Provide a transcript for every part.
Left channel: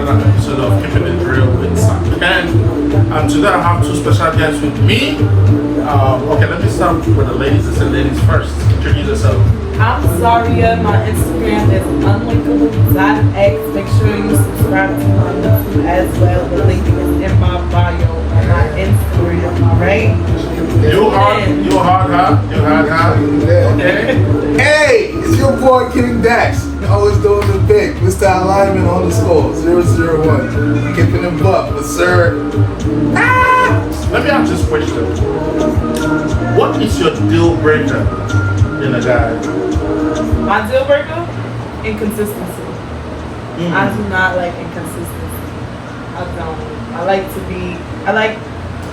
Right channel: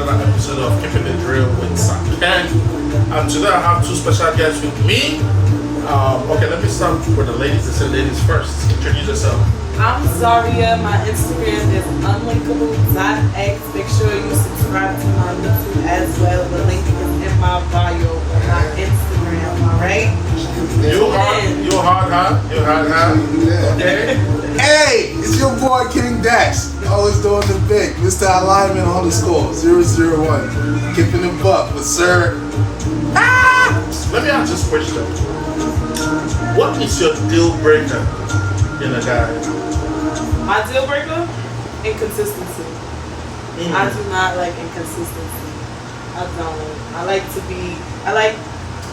another episode of Keeping It Real with Sam Ken. And today I have two special guests with me. Okay, let me start with the ladies. I said ladies first. Introduce yourself. I'm Zaria. My Instagram is unlinkable.x. Make sure you subscribe to my YouTube as well. The link is in my bio on my Instagram. Alright? You hard, okay? Hey, it's your boy King Dax. Always doing the big. Mr. Alignment _ 001. Keeping it buck, but sir. Let me ask this question. What is your deal breaker in a guy? My deal breaker? Inconsistency. I do not like inconsistency. I don't. I like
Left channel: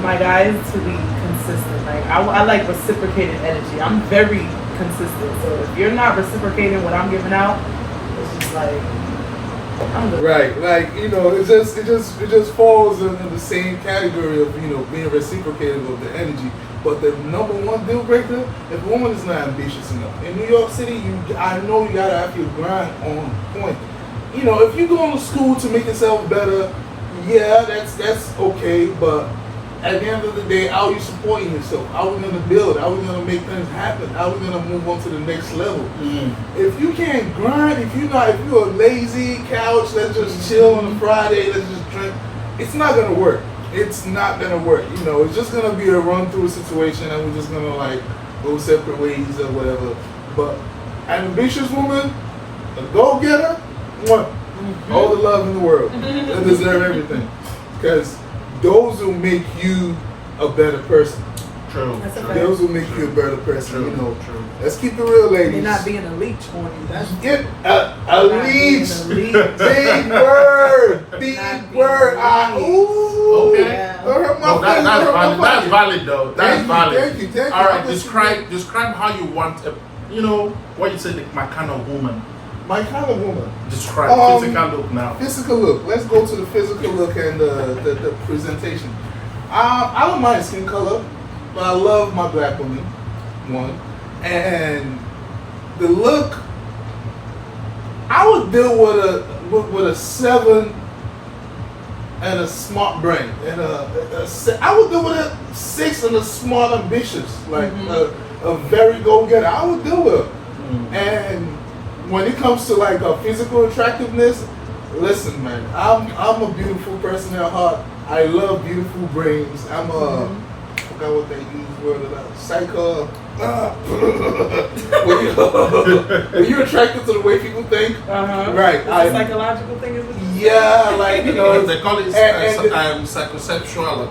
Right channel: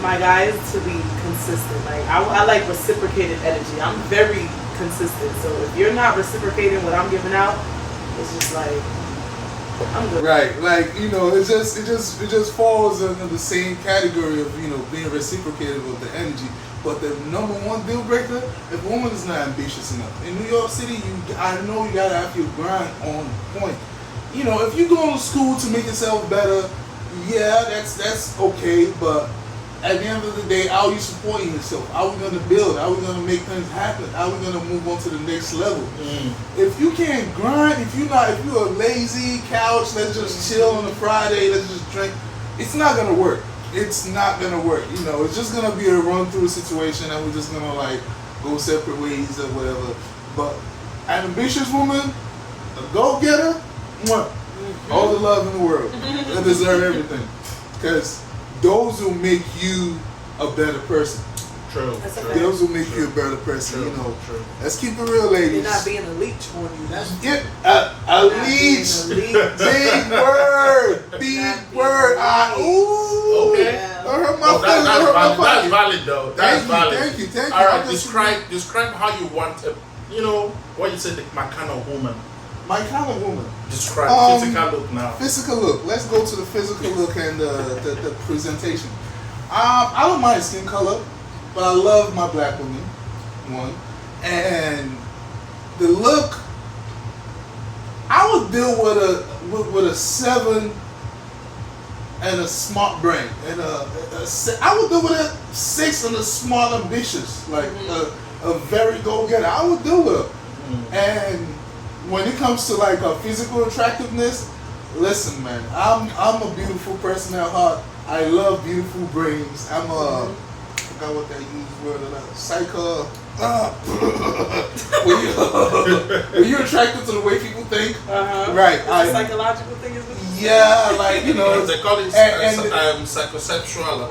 my guys to be consistent. Like I like reciprocated energy. I'm very consistent. So if you're not reciprocating what I'm giving out, it's just like I'm good. Right, like it just falls under the same category of being reciprocated with the energy. But the number one deal breaker, if a woman is not ambitious enough. In New York City, I know you gotta have your grind on point. If you're going to school to make yourself better, yeah, that's okay. But at the end of the day, how are you supporting yourself? How are we gonna build? How are we gonna make things happen? How are we gonna move on to the next level? If you can't grind, if you're a lazy couch, let's just chill on a Friday, let's just drink, it's not gonna work. It's not gonna work. It's just gonna be a run through situation and we're just gonna go separate ways or whatever. But an ambitious woman, a go-getter, all the love in the world. They deserve everything. Because those will make you a better person. True. Those will make you a better person. True. Let's keep it real, ladies. You're not being a leech on you. That's a leech. Big word. Big word. Okay. Yeah. That's valid though. That's valid. Thank you. All right. Describe how you want what you said, my kind of woman. My kind of woman. Describe physical look now. Physical look. Let's go to the physical look and the presentation. I don't mind skin color, but I love my black woman. One. And the look, I would deal with a 7 and a smart brain. And I would deal with a 6 and a smart ambitious. Like a very go-getter. I would deal with her. And when it comes to a physical attractiveness, listen, man, I'm a beautiful person at heart. I love beautiful brains. I forgot what they use word about. Psycho. When you're attracted to the way people think, right? It's a psychological thing, is it? Yeah, they call it psychosexual.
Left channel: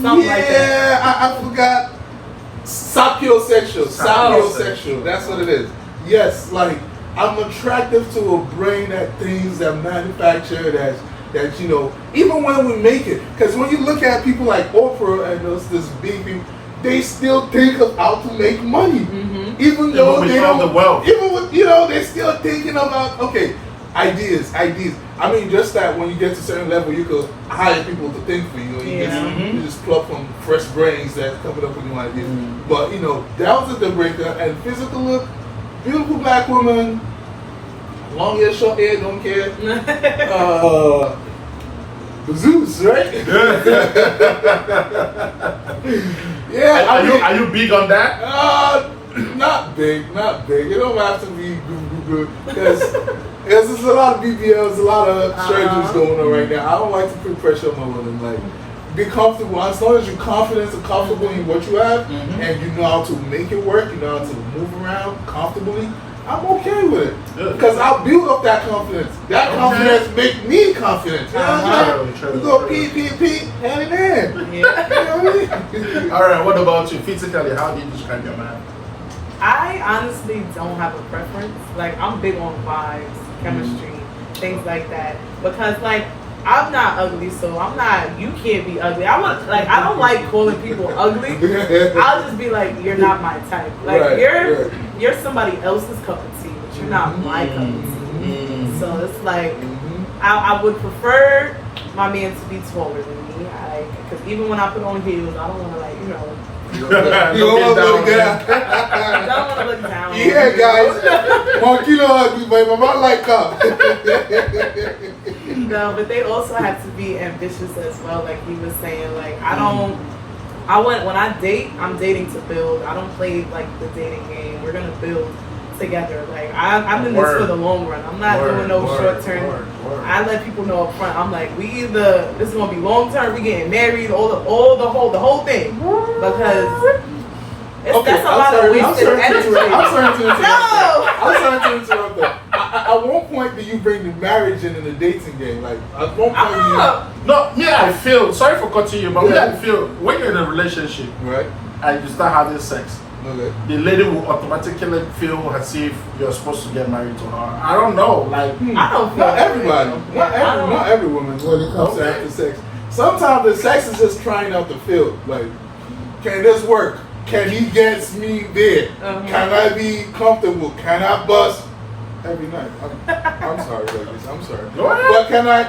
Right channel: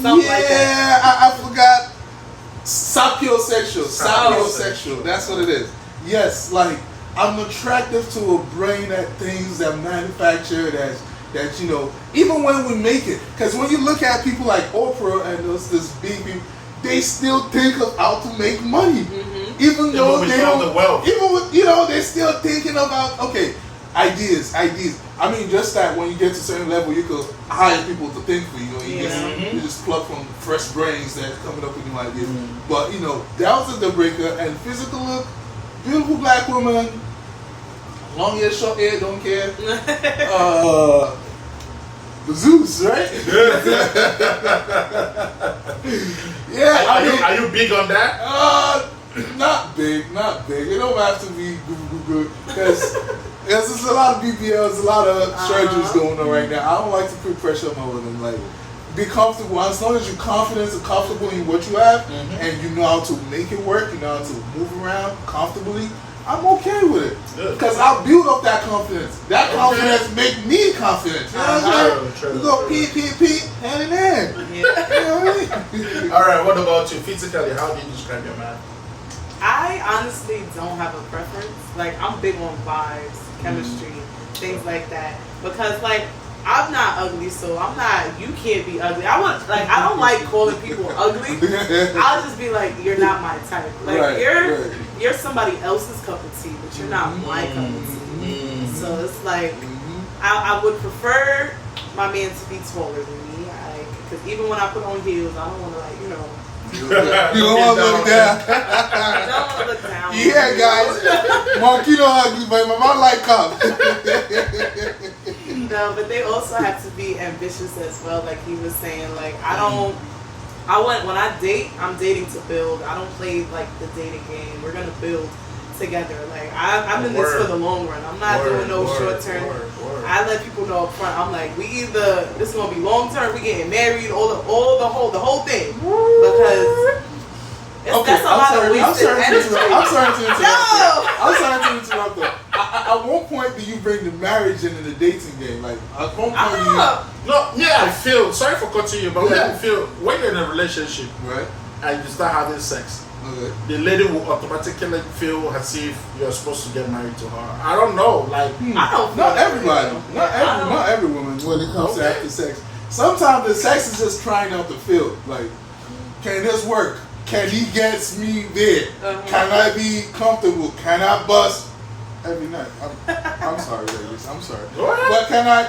Something like that. I forgot. Sapiosexual. Sapiosexual. That's what it is. Yes, I'm attractive to a brain that things that manufacture that even when we make it, because when you look at people like Oprah and this big people, they still think of how to make money, even though they don't. The wealth. Even with they're still thinking about ideas. I mean, just that when you get to a certain level, you could hire people to think for you. You just pluck from fresh brains that coming up with new ideas. But that was a deal breaker. And physical look. Beautiful black woman, long hair, short hair, don't care. The Zeus, right? Yeah. Are you big on that? Not big. You don't have to be good because there's a lot of BBLs, a lot of surgeries going on right now. I don't like to put pressure on my women. Be comfortable. As long as you're confident and comfortable in what you have, and you know how to make it work, you know how to move around comfortably, I'm okay with it. Because I build up that confidence. That confidence make me confident. You know what I'm saying? We go pee, hand in hand. Yeah. All right. What about you? Physically, how do you describe your man? I honestly don't have a preference. I'm big on vibes, chemistry, things like that. Because I'm not ugly, so you can't be ugly. I don't like calling people ugly. I'll just be you're not my type. You're somebody else's cup of tea, but you're not my cup of tea. So it's I would prefer my man to be taller than me. Because even when I put on heels, I don't want to You don't want to look down. I don't want to look down. Yeah, guys. Marquino ugly, but my man like come. No, but they also have to be ambitious as well. Like he was saying, like when I date, I'm dating to build. I don't play like the dating game. We're gonna build together. Like I'm in this for the long run. I'm not doing no short term. I let people know up front. I'm like, we either this is gonna be long term. We getting married, the whole thing, because. That's a lot of wasted energy. I'm sorry to interrupt. No! I'm sorry to interrupt. At one point, do you bring the marriage in the dating game? Like at one point, No, me, I feel, sorry for cutting you, but me, I feel when you're in a relationship, right? And you start having sex, Okay. the lady will automatically feel as if you're supposed to get married to her. I don't know, like I don't feel not everybody, not every woman when it comes to after sex. Sometimes the sex is just trying out the field. Like, can this work? Can he get me there? Can I be comfortable? Can I bust every night? I'm sorry, ladies. I'm sorry. Go ahead. But can I,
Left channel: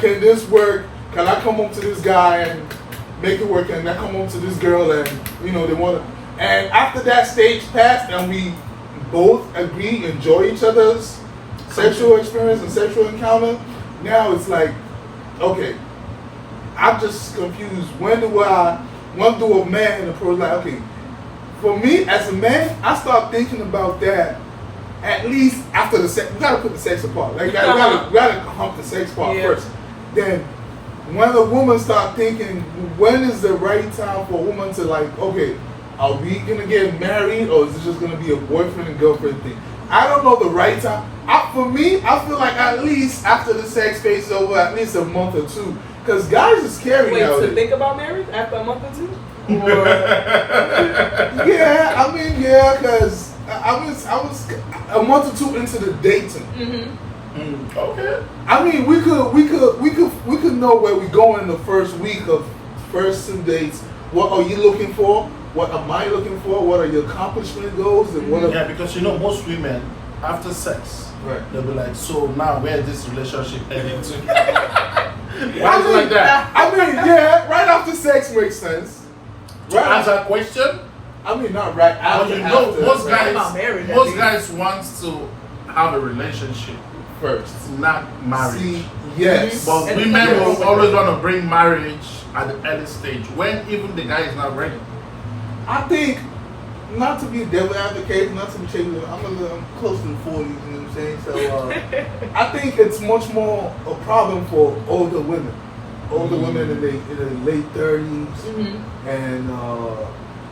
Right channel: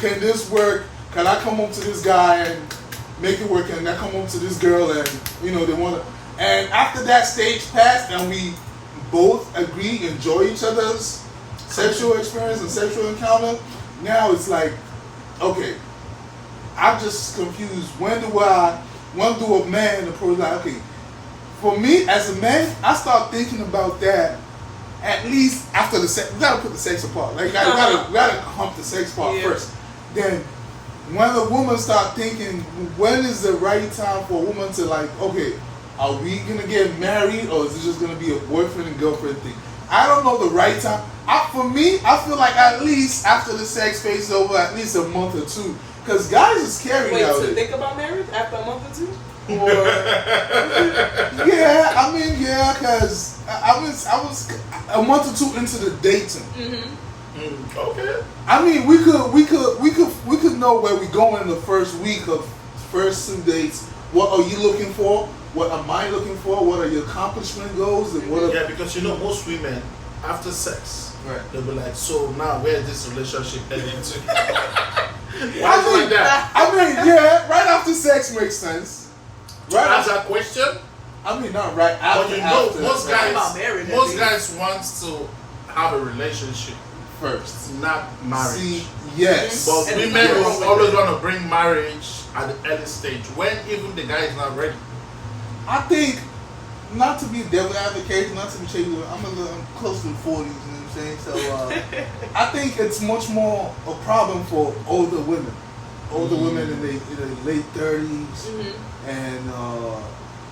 can this work? Can I come home to this guy and make it work? Can I come home to this girl and, they want to. And after that stage passed and we both agree, enjoy each other's sexual experience and sexual encounter, now it's like, okay, I'm just confused. When do a man approach, like, okay, for me as a man, I start thinking about that at least after the sex. We gotta put the sex apart. Like, we gotta hump the sex part first. Then, when a woman start thinking, when is the right time for a woman to, like, okay, are we gonna get married or is it just gonna be a boyfriend and girlfriend thing? I don't know the right time. For me, I feel like at least after the sex phase is over, at least a month or two. Because guys are scary now. Wait, to think about marriage after a month or two? Or, because I was a month or two into the dating. Okay. I mean, we could know where we go in the first week of first 2 dates. What are you looking for? What am I looking for? What are your accomplishment goals? And what? Yeah, because most women after sex, Right. they'll be like, so now where is this relationship heading to? Why is it like that? I mean, yeah, right after sex makes sense. To answer that question, I mean, not right after. most marriage, guys want to have a relationship first, not marriage. See, yes. But And women the- will always want to bring marriage at the early stage when even the guy is not ready. I think, not to be a devil advocate, not to be shady, I'm close to the 40s, you know what I'm saying? So I think it's much more a problem for older women. Older women in their late 30s and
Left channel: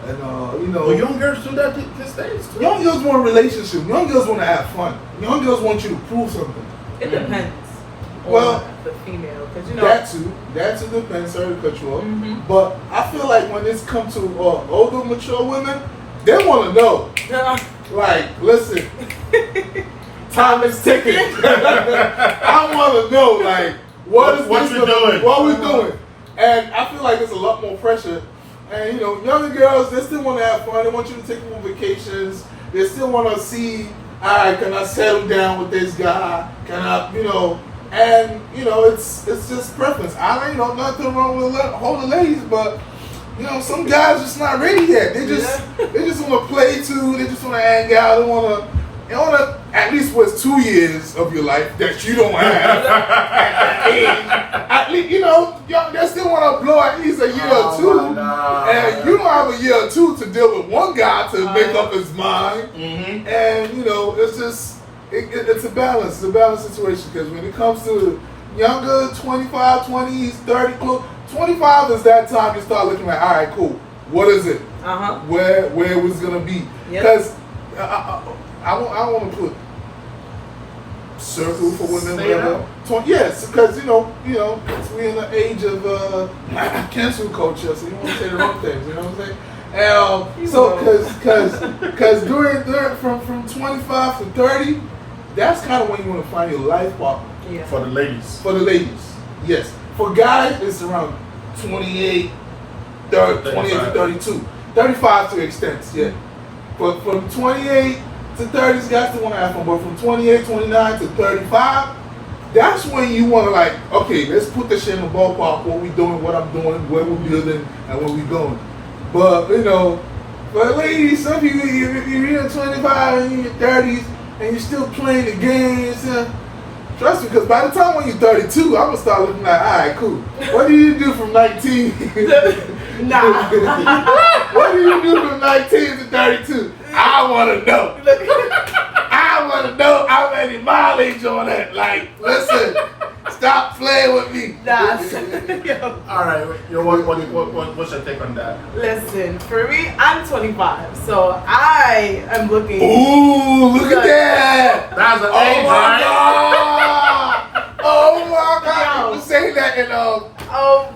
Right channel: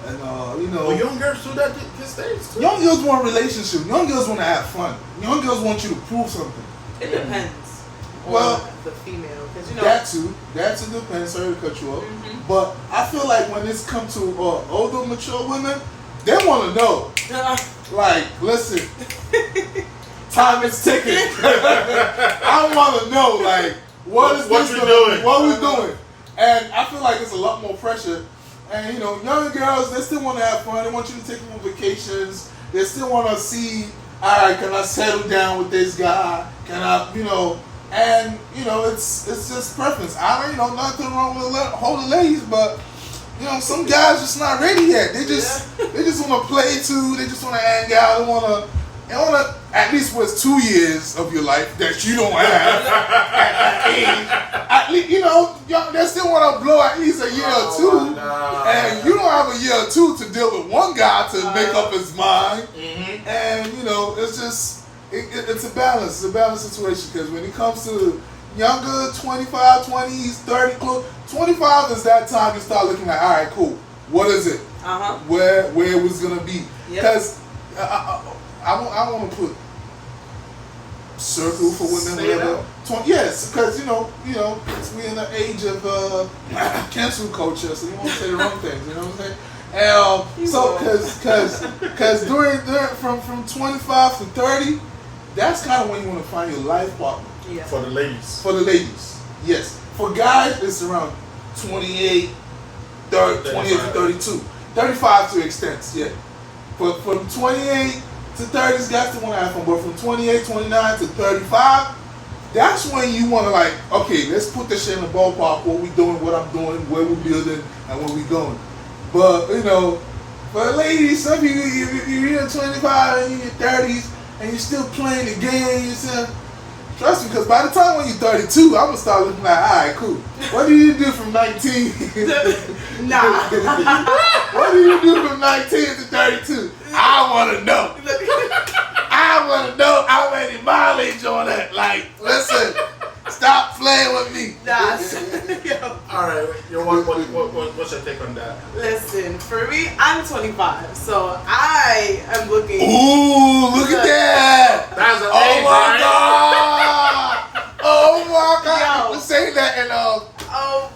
But young girls do that these days too. young girls want a relationship. Young girls want to have fun. Young girls want you to prove something. It depends Well, on the female. Because, that too depends. Sorry to cut you off. But I feel like when it's come to older, mature women, they want to know. Like, listen, time is ticking. I want to know, like, what we doing? And I feel like it's a lot more pressure. And, younger girls, they still want to have fun. They want you to take them on vacations. They still want to see, all right, can I settle down with this guy? Can I, and, it's just preference. Nothing wrong with older ladies, but, some guys just not ready yet. They just want to play too. They just want to hang out. They want to at least what's 2 years of your life that you don't have. At least, they still want to blow at least a year or two. And you don't have a year or two to deal with one guy to make up his mind. And, it's just, it's a balance. It's a balanced situation because when it comes to younger, 25, 20s, 30, 25 is that time you start looking like, all right, cool. What is it? Where it was going to be? Because I want to put circle for women, whatever. Yes, because we're in the age of cancel culture, so you want to say the wrong things. You know what I'm saying? So because during from 25 to 30, that's kind of when you want to find your life partner. Yeah. For the ladies. For the ladies, yes. For guys, it's around 28 to 32, 35 to extents. Yeah. But from 28 to 30s, guys still want to have fun. But from 28, 29 to 35, that's when you want to like, okay, let's put this shit in the ballpark. What we doing, what I'm doing, where we're building, and where we going. But for the ladies, some people, you're in 25 and you're in your 30s, and you're still playing the games. Trust me, because by the time when you're 32, I'm gonna start looking like, all right, cool. What do you do from 19? Nah. What do you do from 19 to 32? I want to know. I want to know how many mileage on that. Like, listen, stop playing with me. Nah. Yo. All right, what's your take on that? Listen, for me, I'm 25, so I am looking. Ooh, look at that. That's an Oh age, my right? God. Oh my God. Yo. You say that in Oh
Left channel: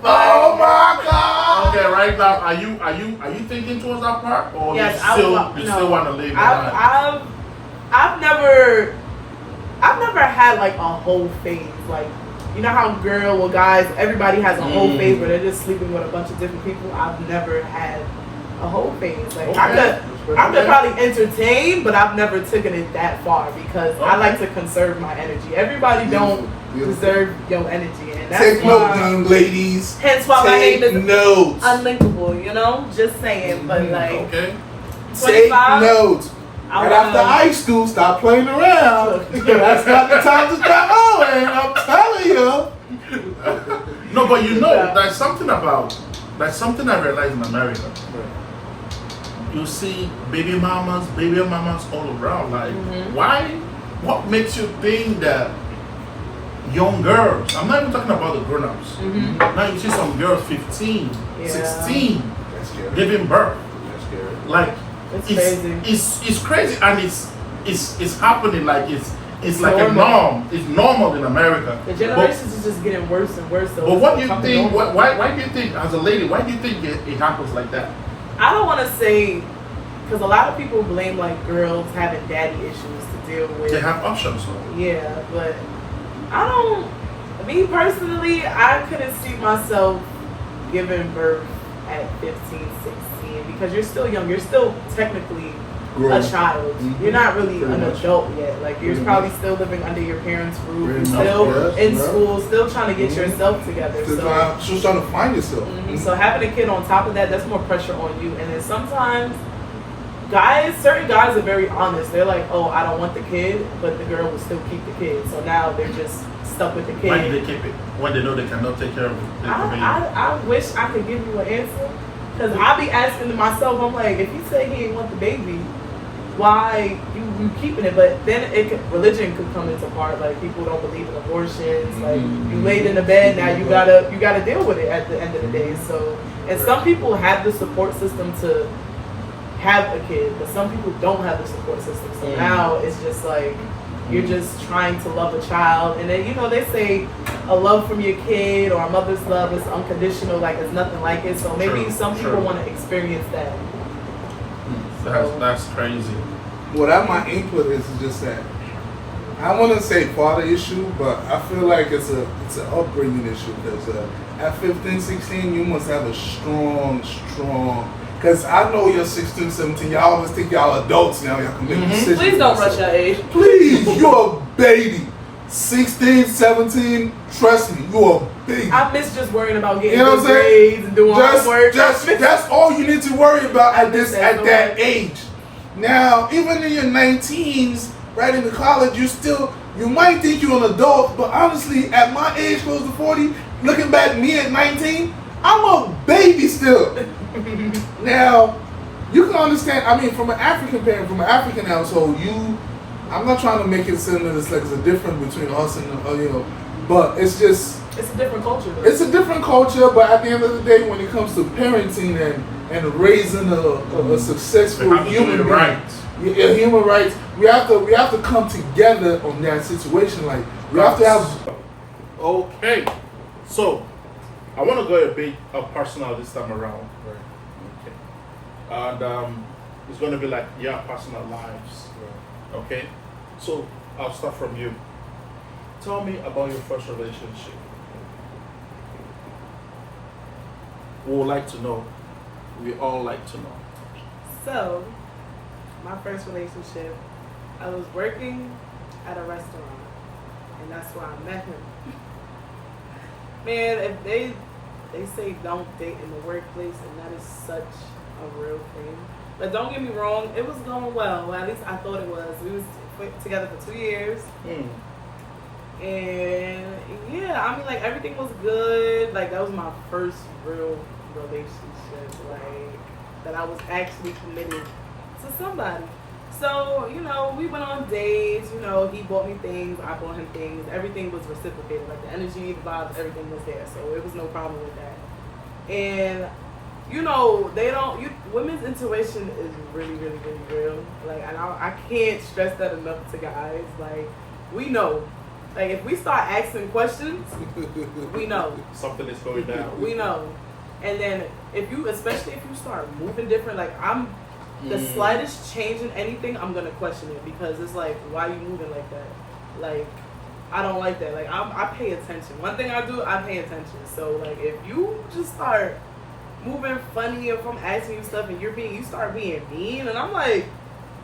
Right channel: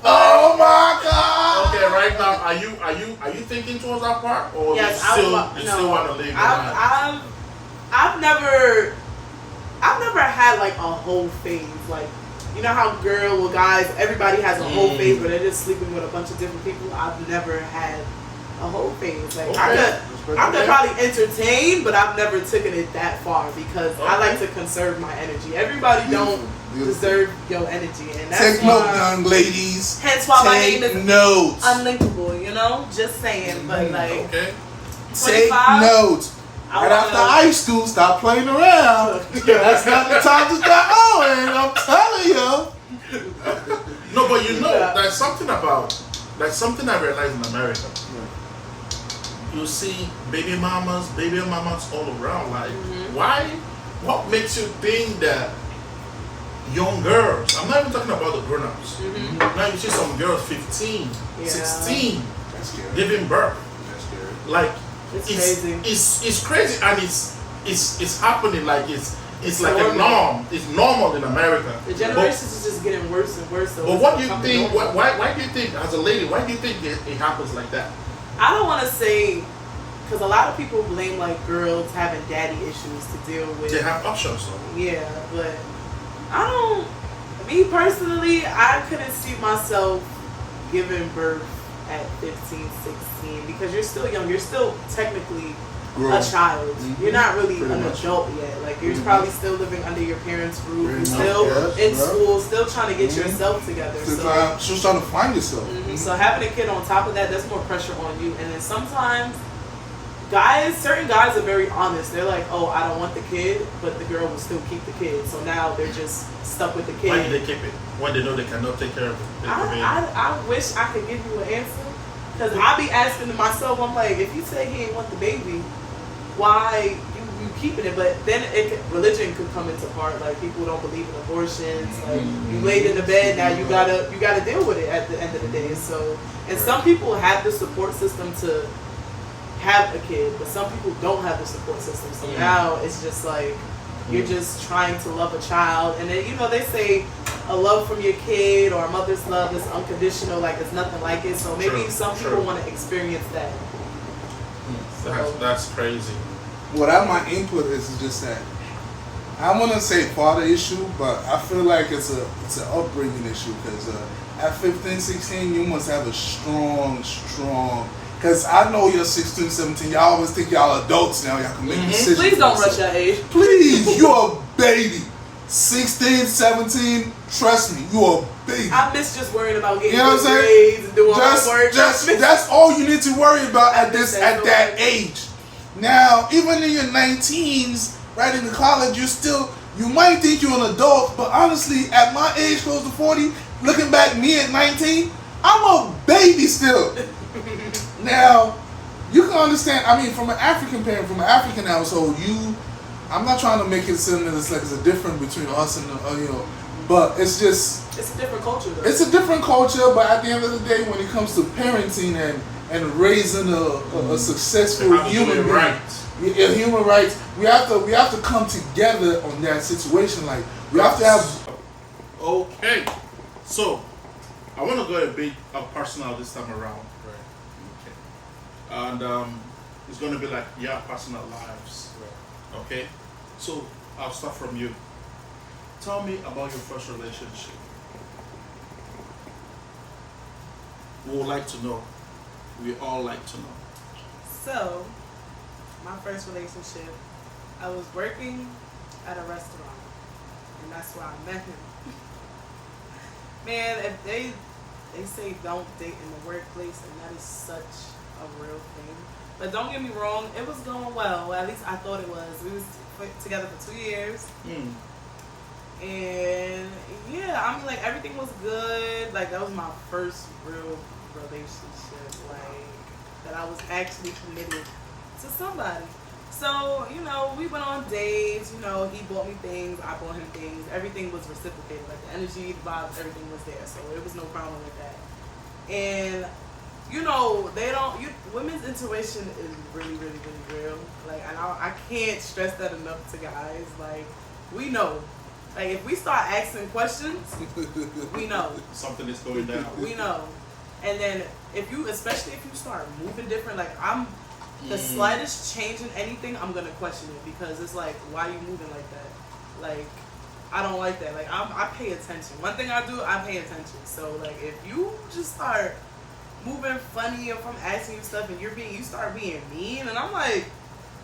my God. Okay, right now, are you thinking towards that part, or Yes, you still no. want to leave it at? I've never had like a whole phase. Like, you know how girl or guys, everybody has a whole phase where they're just sleeping with a bunch of different people. I've never had a whole phase. Like, I could probably entertain, but I've never taken it that far because I like to conserve my energy. Everybody don't deserve your energy, and that's Take why, note, young ladies. hence why my name is notes. Unlinkable. You know, just saying. But like, Okay. Take 25, notes. I Right after wanna- high school, stop playing around. That's not the time to start owing. I'm telling you. No, but you know, Yeah. there's something I realized in America. You see baby mamas all around. Like, why? What makes you think that young girls? I'm not even talking about the grown-ups. Now you see some girls 15, Yeah. 16 That's scary. giving birth. That's scary. Like, It's crazy. It's crazy, and it's happening. Like it's like a normal. norm. It's normal in America. The generations is just getting worse and worse. So But it's what do you something think? normal. Why do you think, as a lady, why do you think it happens like that? I don't want to say, because a lot of people blame like girls having daddy issues to deal with. They have options, though. Yeah, but I don't. Me personally, I couldn't see myself giving birth at 15, 16 because you're still young. You're still technically Grown. a child. Mhm. You're not really Pretty an much. adult yet. Like, you're Pretty probably much. still living under your parents' roof. Pretty You're much, still yes, in bro. school, still trying to get Mhm. yourself together. So. She's trying to find yourself. So having a kid on top of that, that's more pressure on you. And then sometimes certain guys are very honest. They're like, oh, I don't want the kid, but the girl will still keep the kid. So now they're just stuck with the kid. Why do they keep it when they know they cannot take care of it? I wish I could give you an answer. Because I be asking to myself, I'm like, if you say he ain't want the baby, why you keeping it? But then religion could come into part. Like, people don't believe in abortions. Like, you laid in the bed, now you gotta deal with it at the end of the day. So, and some people have the support system to have a kid, but some people don't have the support system. So now it's just like you're just trying to love a child, and then they say a love from your kid or a mother's love is unconditional, like it's nothing like it. So maybe True, some people true. want to experience that. That's crazy. What my input is just that I want to say father issue, but I feel like it's an upbringing issue because at 15, 16, you must have a strong. Because I know you're 16, 17. Y'all always think y'all adults now. Y'all can make decisions. Please don't for rush yourself. your age. Please, you're a baby. 16, 17. Trust me, you're a baby. I miss just worrying about getting You know good what I'm saying? grades and doing homework. That's all you need to worry about I at miss that that so much. age. Now, even in your 19s, right into college, you might think you're an adult, but honestly, at my age, close to 40, looking back, me at 19, I'm a baby still. Now, you can understand. I mean, from an African parent, from an African household, I'm not trying to make it seem that it's like there's a difference between us and but it's just. It's a different culture, though. It's a different culture, but at the end of the day, when it comes to parenting and raising a successful They have to do human it being, right. yeah, human rights, we have to come together on that situation. Like, we have to have. Okay, so I want to go a bit personal this time around. Okay, and it's going to be like your personal lives. Okay, so I'll start from you. Tell me about your first relationship. We would like to know. We all like to know. So, my first relationship, I was working at a restaurant, and that's where I met him. Man, if they say don't date in the workplace, and that is such a real thing. But don't get me wrong, it was going well. At least I thought it was. We was together for 2 years. And yeah, I mean, like everything was good. Like that was my first real relationship, like that I was actually committed to somebody. So, you know, we went on dates, you know, he bought me things, I bought him things, everything was reciprocated, like the energy, the vibes, everything was there, so it was no problem with that. And, you know, women's intuition is really, really, really real, like, and I can't stress that enough to guys, like, we know, like, if we start asking questions, we know. Something is going down. We know. And then, especially if you start moving different, like, the slightest change in anything, I'm gonna question it because it's like, why are you moving like that? Like, I don't like that. Like, I pay attention. One thing I do, I pay attention. So, like, if you just start moving funny and from asking you stuff and you start being mean, and I'm like,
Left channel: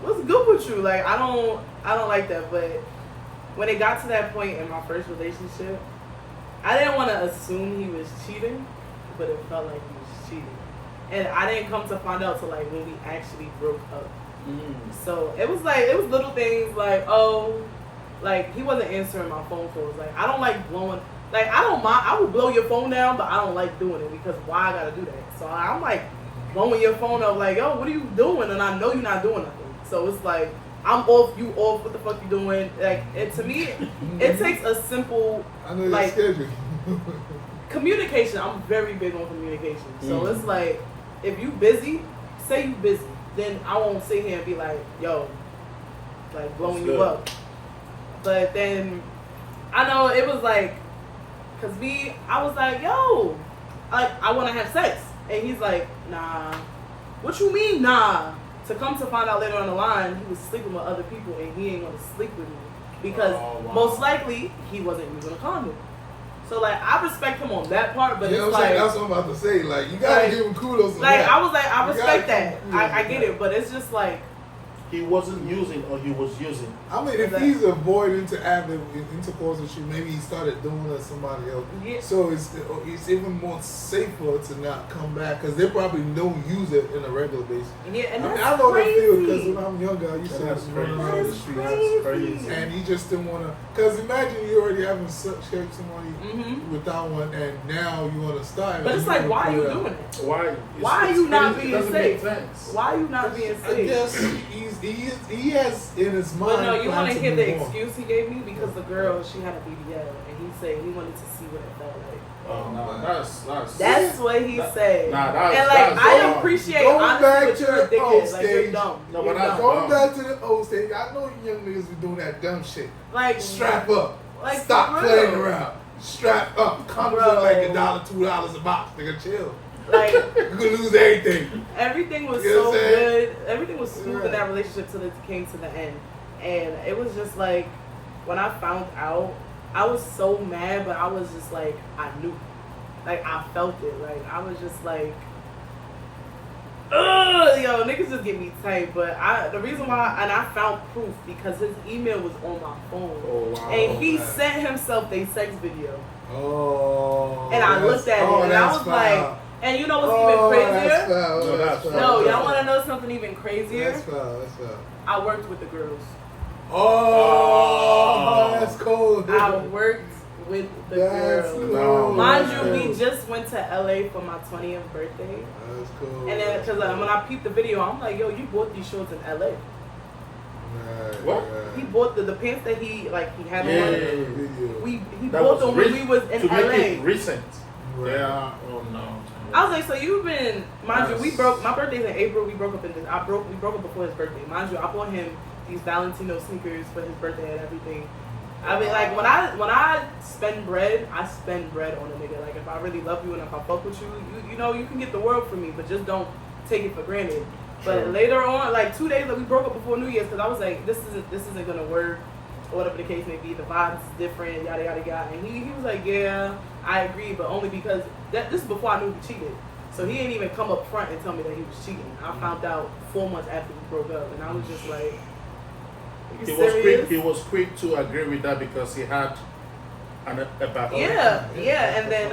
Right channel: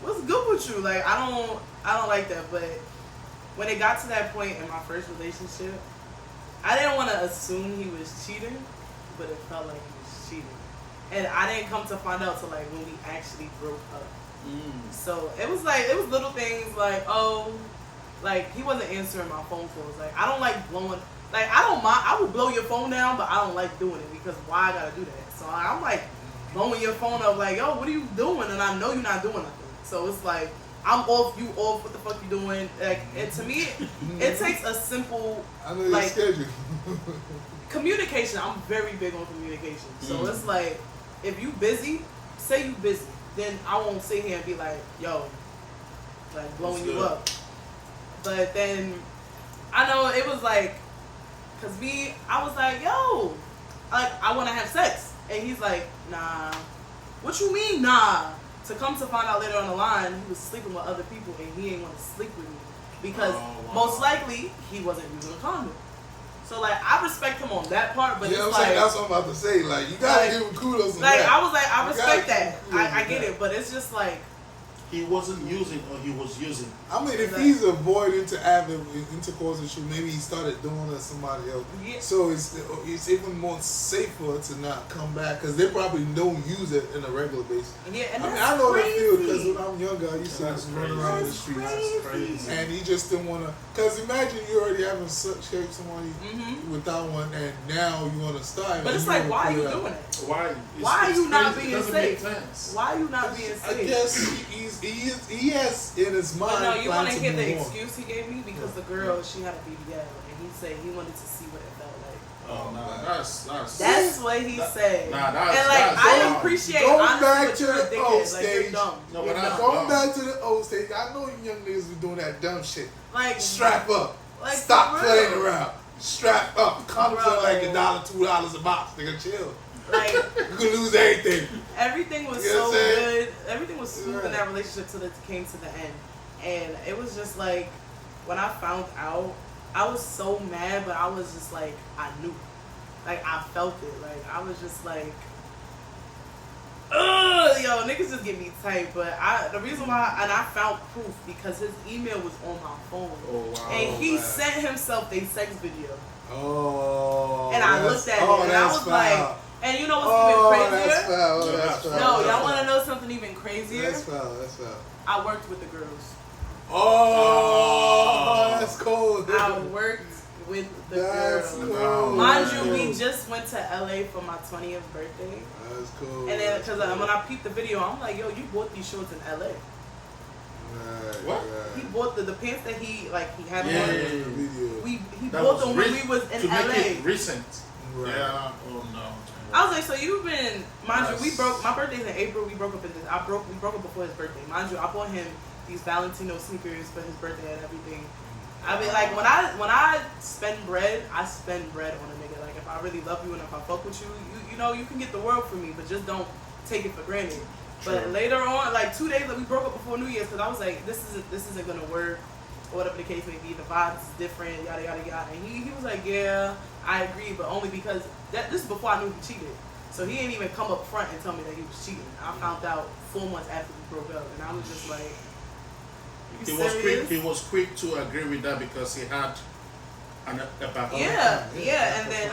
what's good with you? Like, I don't like that. But when it got to that point in my first relationship, I didn't want to assume he was cheating, but it felt like he was cheating. And I didn't come to find out till like when we actually broke up. So it was little things like, oh, like he wasn't answering my phone calls. Like I don't like blowing, like I don't mind, I would blow your phone down, but I don't like doing it because why I gotta do that? So I'm like blowing your phone up like, yo, what are you doing? And I know you're not doing nothing. So it's like, I'm off, you off, what the fuck you doing? Like, to me, it takes a simple, like, schedule. communication. I'm very big on communication. So it's like, if you busy, say you busy. Then I won't sit here and be like, yo, like blowing you up. But then, I know it was like, cause I was like, yo, like I want to have sex. And he's like, nah. What you mean, nah? To come to find out later on the line, he was sleeping with other people and he ain't want to sleep with me. Because most likely, he wasn't using a condom. So, like, I respect him on that part, but it's like... That's what I'm about to say. Like, you gotta give him kudos on like, that. I was like, I respect that. I get it, but it's just like... He wasn't using or he was using. I mean, if he's avoiding to have intercourse with you, maybe he started doing it to somebody else. Yeah. So it's even more safer to not come back because they probably don't use it in a regular basis. Yeah, and I know that feel because when I'm younger, I used to run around the streets. That's crazy. And you just didn't want to, because imagine you already having sex with somebody without one, and now you want to start. But it's like, why are you doing it? Why are you not being safe? Why are you not being safe? I guess he has in his mind. But no, you want to hear the on. excuse he gave me because the girl, she had a BBL, and he said he wanted to see what it felt like. Oh no, that's what he said. Nah, and like I appreciate honestly what you're thinking. Like you're dumb. No, but going back to the old stage, I know you young niggas be doing that dumb shit. Like strap up, like stop playing around, strap up. Condoms are like $1, $2 a box. Nigga, chill. Like you could lose everything. Everything was so good. Everything was smooth in that relationship till it came to the end, and it was just like when I found out, I was so mad, but I was just like, I knew, like I felt it. Like I was just like, ugh, yo, niggas just get me tight. But the reason why, and I found proof because his email was on my phone, and he sent himself a sex video. Oh, and I looked at it, and I was like. And you know what's even crazier? No, y'all want to know something even crazier? That's foul. I worked with the girls. Oh, that's cool. I worked with the girls. Cool. Mind you, we just went to LA for my 20th birthday. That's cool. And then, because when I peeped the video, I'm like, yo, you bought these shorts in LA. What? He bought the pants that he had on. He that bought them when we was in to LA. Make it recent. Right. Yeah. Oh no. I was like, so you've been, mind you, we broke. My birthday's in April. We broke up we broke up before his birthday. Mind you, I bought him these Valentino sneakers for his birthday and everything. I mean, like when I spend bread, I spend bread on a nigga. Like if I really love you and if I fuck with you, you know you can get the world from me, but just don't take it for granted. But later on, like 2 days that we broke up before New Year's, because I was like, this isn't gonna work. Or whatever the case may be, the vibe is different, yada yada yada. And he was like, yeah, I agree, but only because this is before I knew he cheated. So he didn't even come up front and tell me that he was cheating. I found out 4 months after we broke up, and I was just like, He was quick to agree with that because he had a backup. Yeah, and then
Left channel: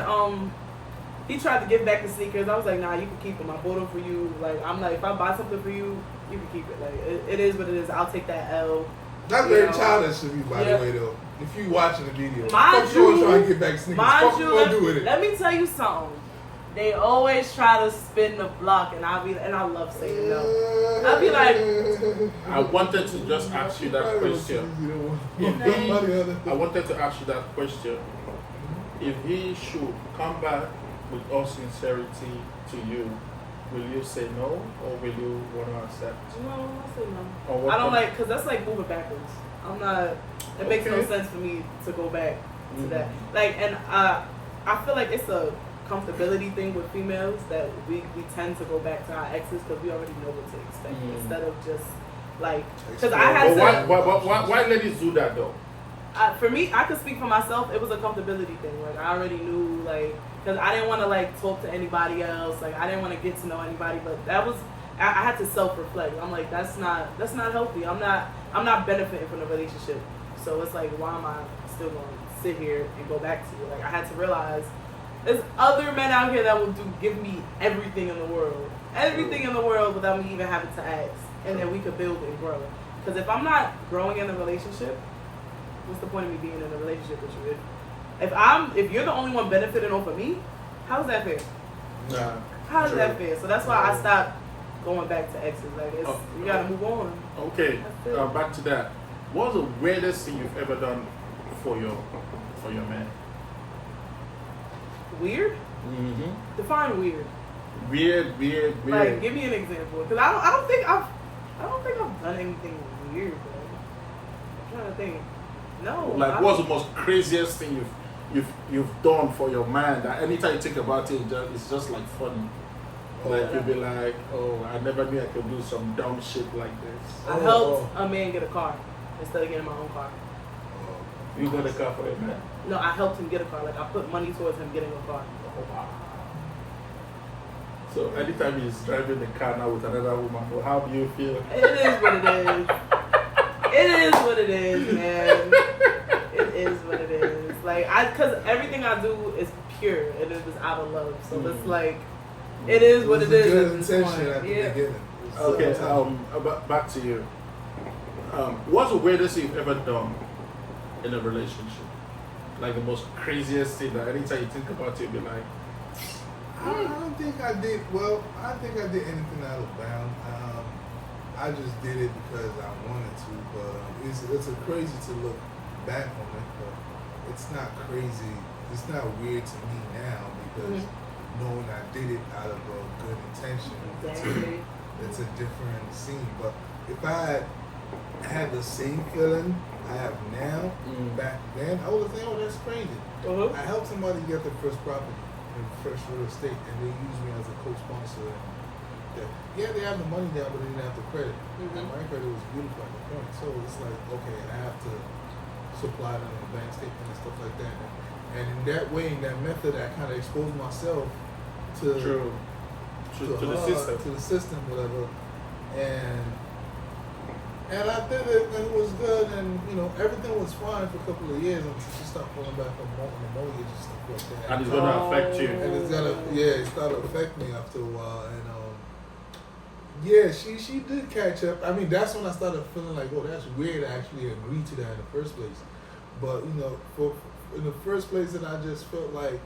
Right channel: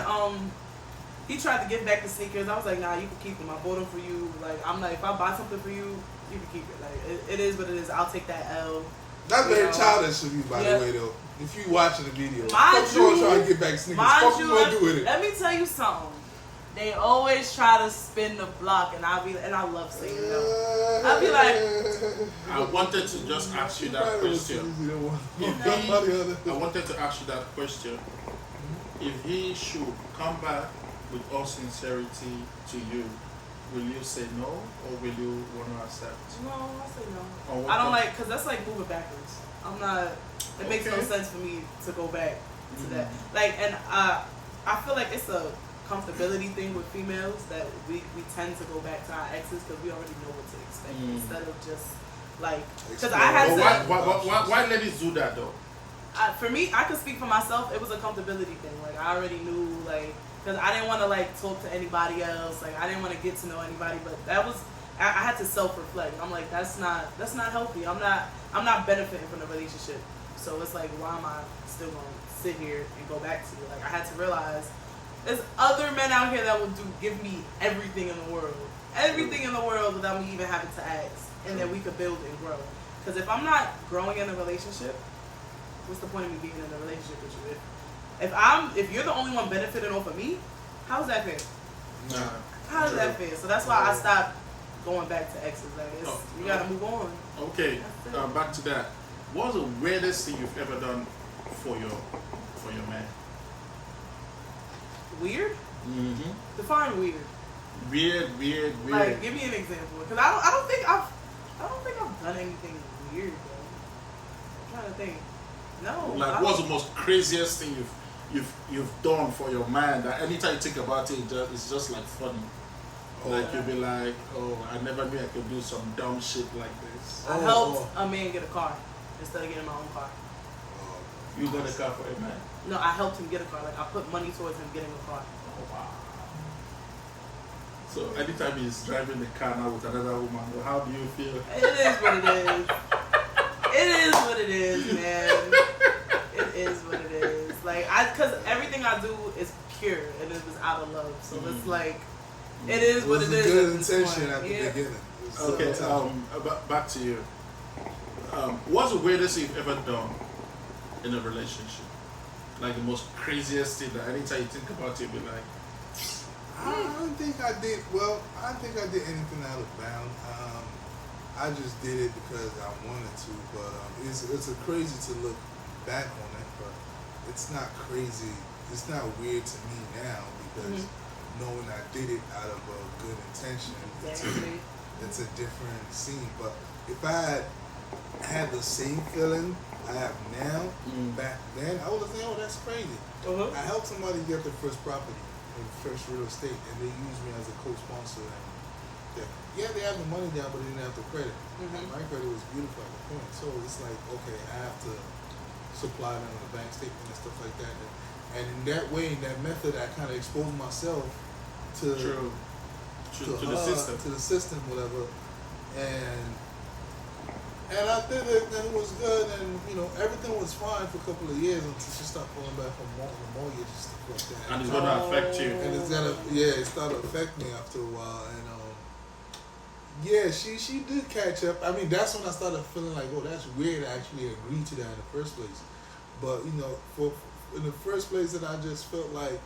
he tried to give back the sneakers. I was like, nah, you can keep them. I bought them for you. Like I'm like, if I buy something for you, you can keep it. Like it is what it is. I'll take that L. That's You very know? childish of you, by Yeah. the way, though. If you watching the video, Mind fuck you always you- trying to get back sneakers. Mind Fuck you, you gonna do with it? let me tell you something. They always try to spin the block, and I love saying no. I'll be like, I wanted to just ask you that question. I wanted to ask you that question. If he should come back with all sincerity to you, will you say no or will you want to accept? no, I say no. Or what I don't com- like, because that's like moving backwards. I'm not, it makes no Okay. sense for me to go back to that. Mhm. Like, and I feel like it's a comfortability thing with females that we tend to go back to our exes because we already know what to expect instead of just like, because I had But to. why ladies do that though? For me, I could speak for myself. It was a comfortability thing. Like I already knew, like, because I didn't want to like talk to anybody else. Like I didn't want to get to know anybody. But that was, I had to self-reflect. I'm like, that's not healthy. I'm not benefiting from the relationship. So it's like, why am I still going to sit here and go back to you? Like I had to realize there's other men out here that will give me everything in the world, without me even having to ask, and then we could build and grow. Because if I'm not growing in a relationship, what's the point of me being in a relationship with you? If you're the only one benefiting off of me, how's that fair? Nah. How is that fair? So that's why I stopped going back to exes. Like you gotta move on. Okay, That's it. back to that. What's the weirdest thing you've ever done for your man? Weird? Mm-hmm. Define weird. Weird. Like give me an example. Because I don't think I've done anything weird though. I'm trying to think. No. Like, what's the most craziest thing you've done for your man that anytime you think about it, it's just like funny? Like you'll be like, oh, I never knew I could do some dumb shit like this. I helped a man get a car instead of getting my own car. You got a car for a man. No, I helped him get a car. Like I put money towards him getting a car. Oh, wow. So anytime he's driving the car now with another woman, well, how do you feel? It is what it is. It is what it is, man. It is what it is. Like because everything I do is pure and it was out of love. So it's like, it is what it is. Good at this intention point. at the Yeah. beginning. Okay, back to you. What's the weirdest thing you've ever done in a relationship? Like the most craziest thing that anytime you think about it, you'll be like, I don't think I did. Well, I think I did anything out of bound. I just did it because I wanted to. But it's a crazy to look back on it. But it's not crazy. It's not weird to me now because knowing I did it out of a good intention, Exactly. it's a different scene. But if I had the same feeling I have now, back then, I would have think, oh, that's crazy. Uh-huh. I helped somebody get their first property, their first real estate, and they used me as a co-sponsor. And they have the money down, but they didn't have the credit. And my credit was beautiful at the point. So it's like, okay, I have to supply them with a bank statement and stuff like that. And in that way, in that method, I kind of exposed myself to to the system. to the system, whatever. And I did it, and it was good, and everything was fine for a couple of years until she started falling back on the mortgage and stuff like that. And it's gonna affect you. And it started to affect me after a while, and she did catch up. I mean, that's when I started feeling like, oh, that's weird. I actually agreed to that in the first place, but in the first place, that I just felt like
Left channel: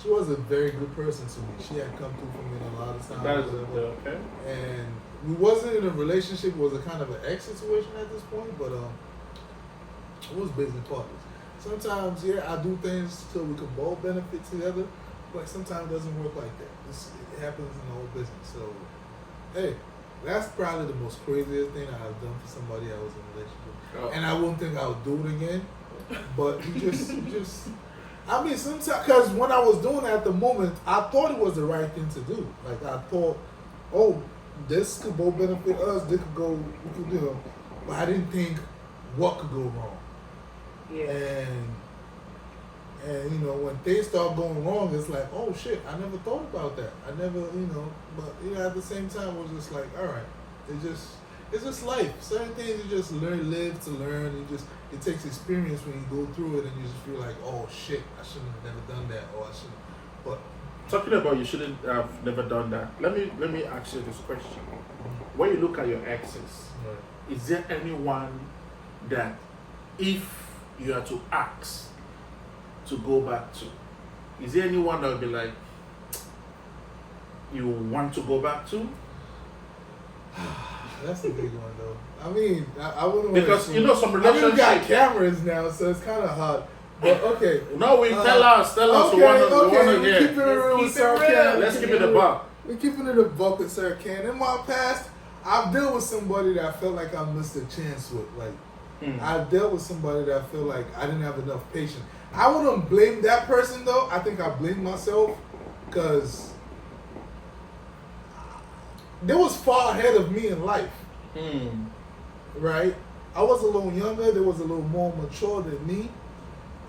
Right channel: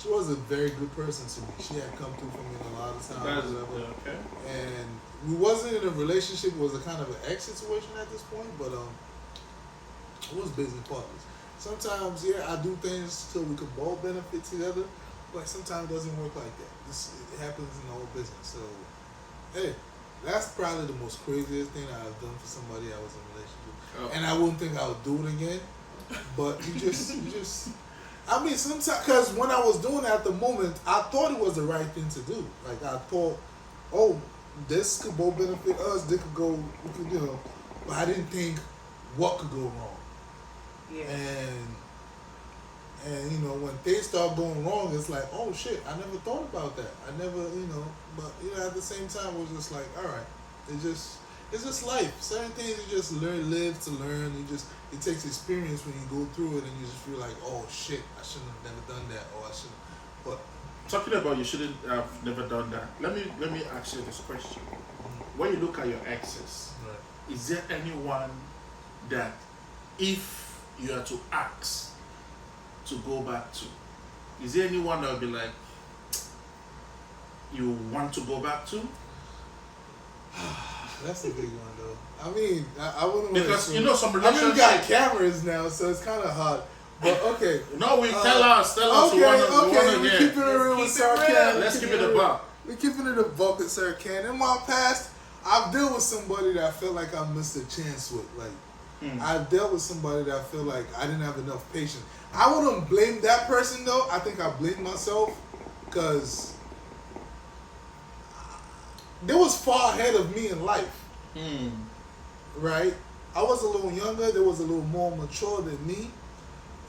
she was a very good person to me. She had come through for me a lot of times. Okay. And we wasn't in a relationship. It was a kind of an ex situation at this point, but it was business partners. Sometimes, I do things so we can both benefit together, but sometimes it doesn't work like that. It happens in the whole business. So, hey, that's probably the most craziest thing I've done for somebody I was in a relationship. Oh. And I wouldn't think I would do it again, but you just. I mean, sometimes, because when I was doing it at the moment, I thought it was the right thing to do. Like, I thought, oh, this could both benefit us, this could go, but I didn't think what could go wrong. Yeah. And when things start going wrong, it's like, oh shit, I never thought about that. I never, but at the same time, it was just like, all right, it's just life. Certain things you just live to learn. It takes experience when you go through it, and you just feel like, oh shit, I shouldn't have never done that, or I shouldn't. But Talking about you shouldn't have never done that. Let me ask you this question. When you look at your exes, right. is there anyone that if you are to ask to go back to, is there anyone that would be like, you want to go back to? That's a big one though. I mean, I wouldn't want Because to, you know some I mean, we got relationships. cameras now, so it's kind of hard. But okay. No, we tell us. Okay, we want to we're hear. keeping it real with Keep it Sir real. Ken. Let's keep it a buck. We're keeping it a buck with Sir Ken. In my past, I've dealt with somebody that I felt like I missed a chance with. Like, I've dealt with somebody that I feel like I didn't have enough patience. I wouldn't blame that person though. I think I blame myself because they was far ahead of me in life. Right? I was a little younger. They was a little more mature than me,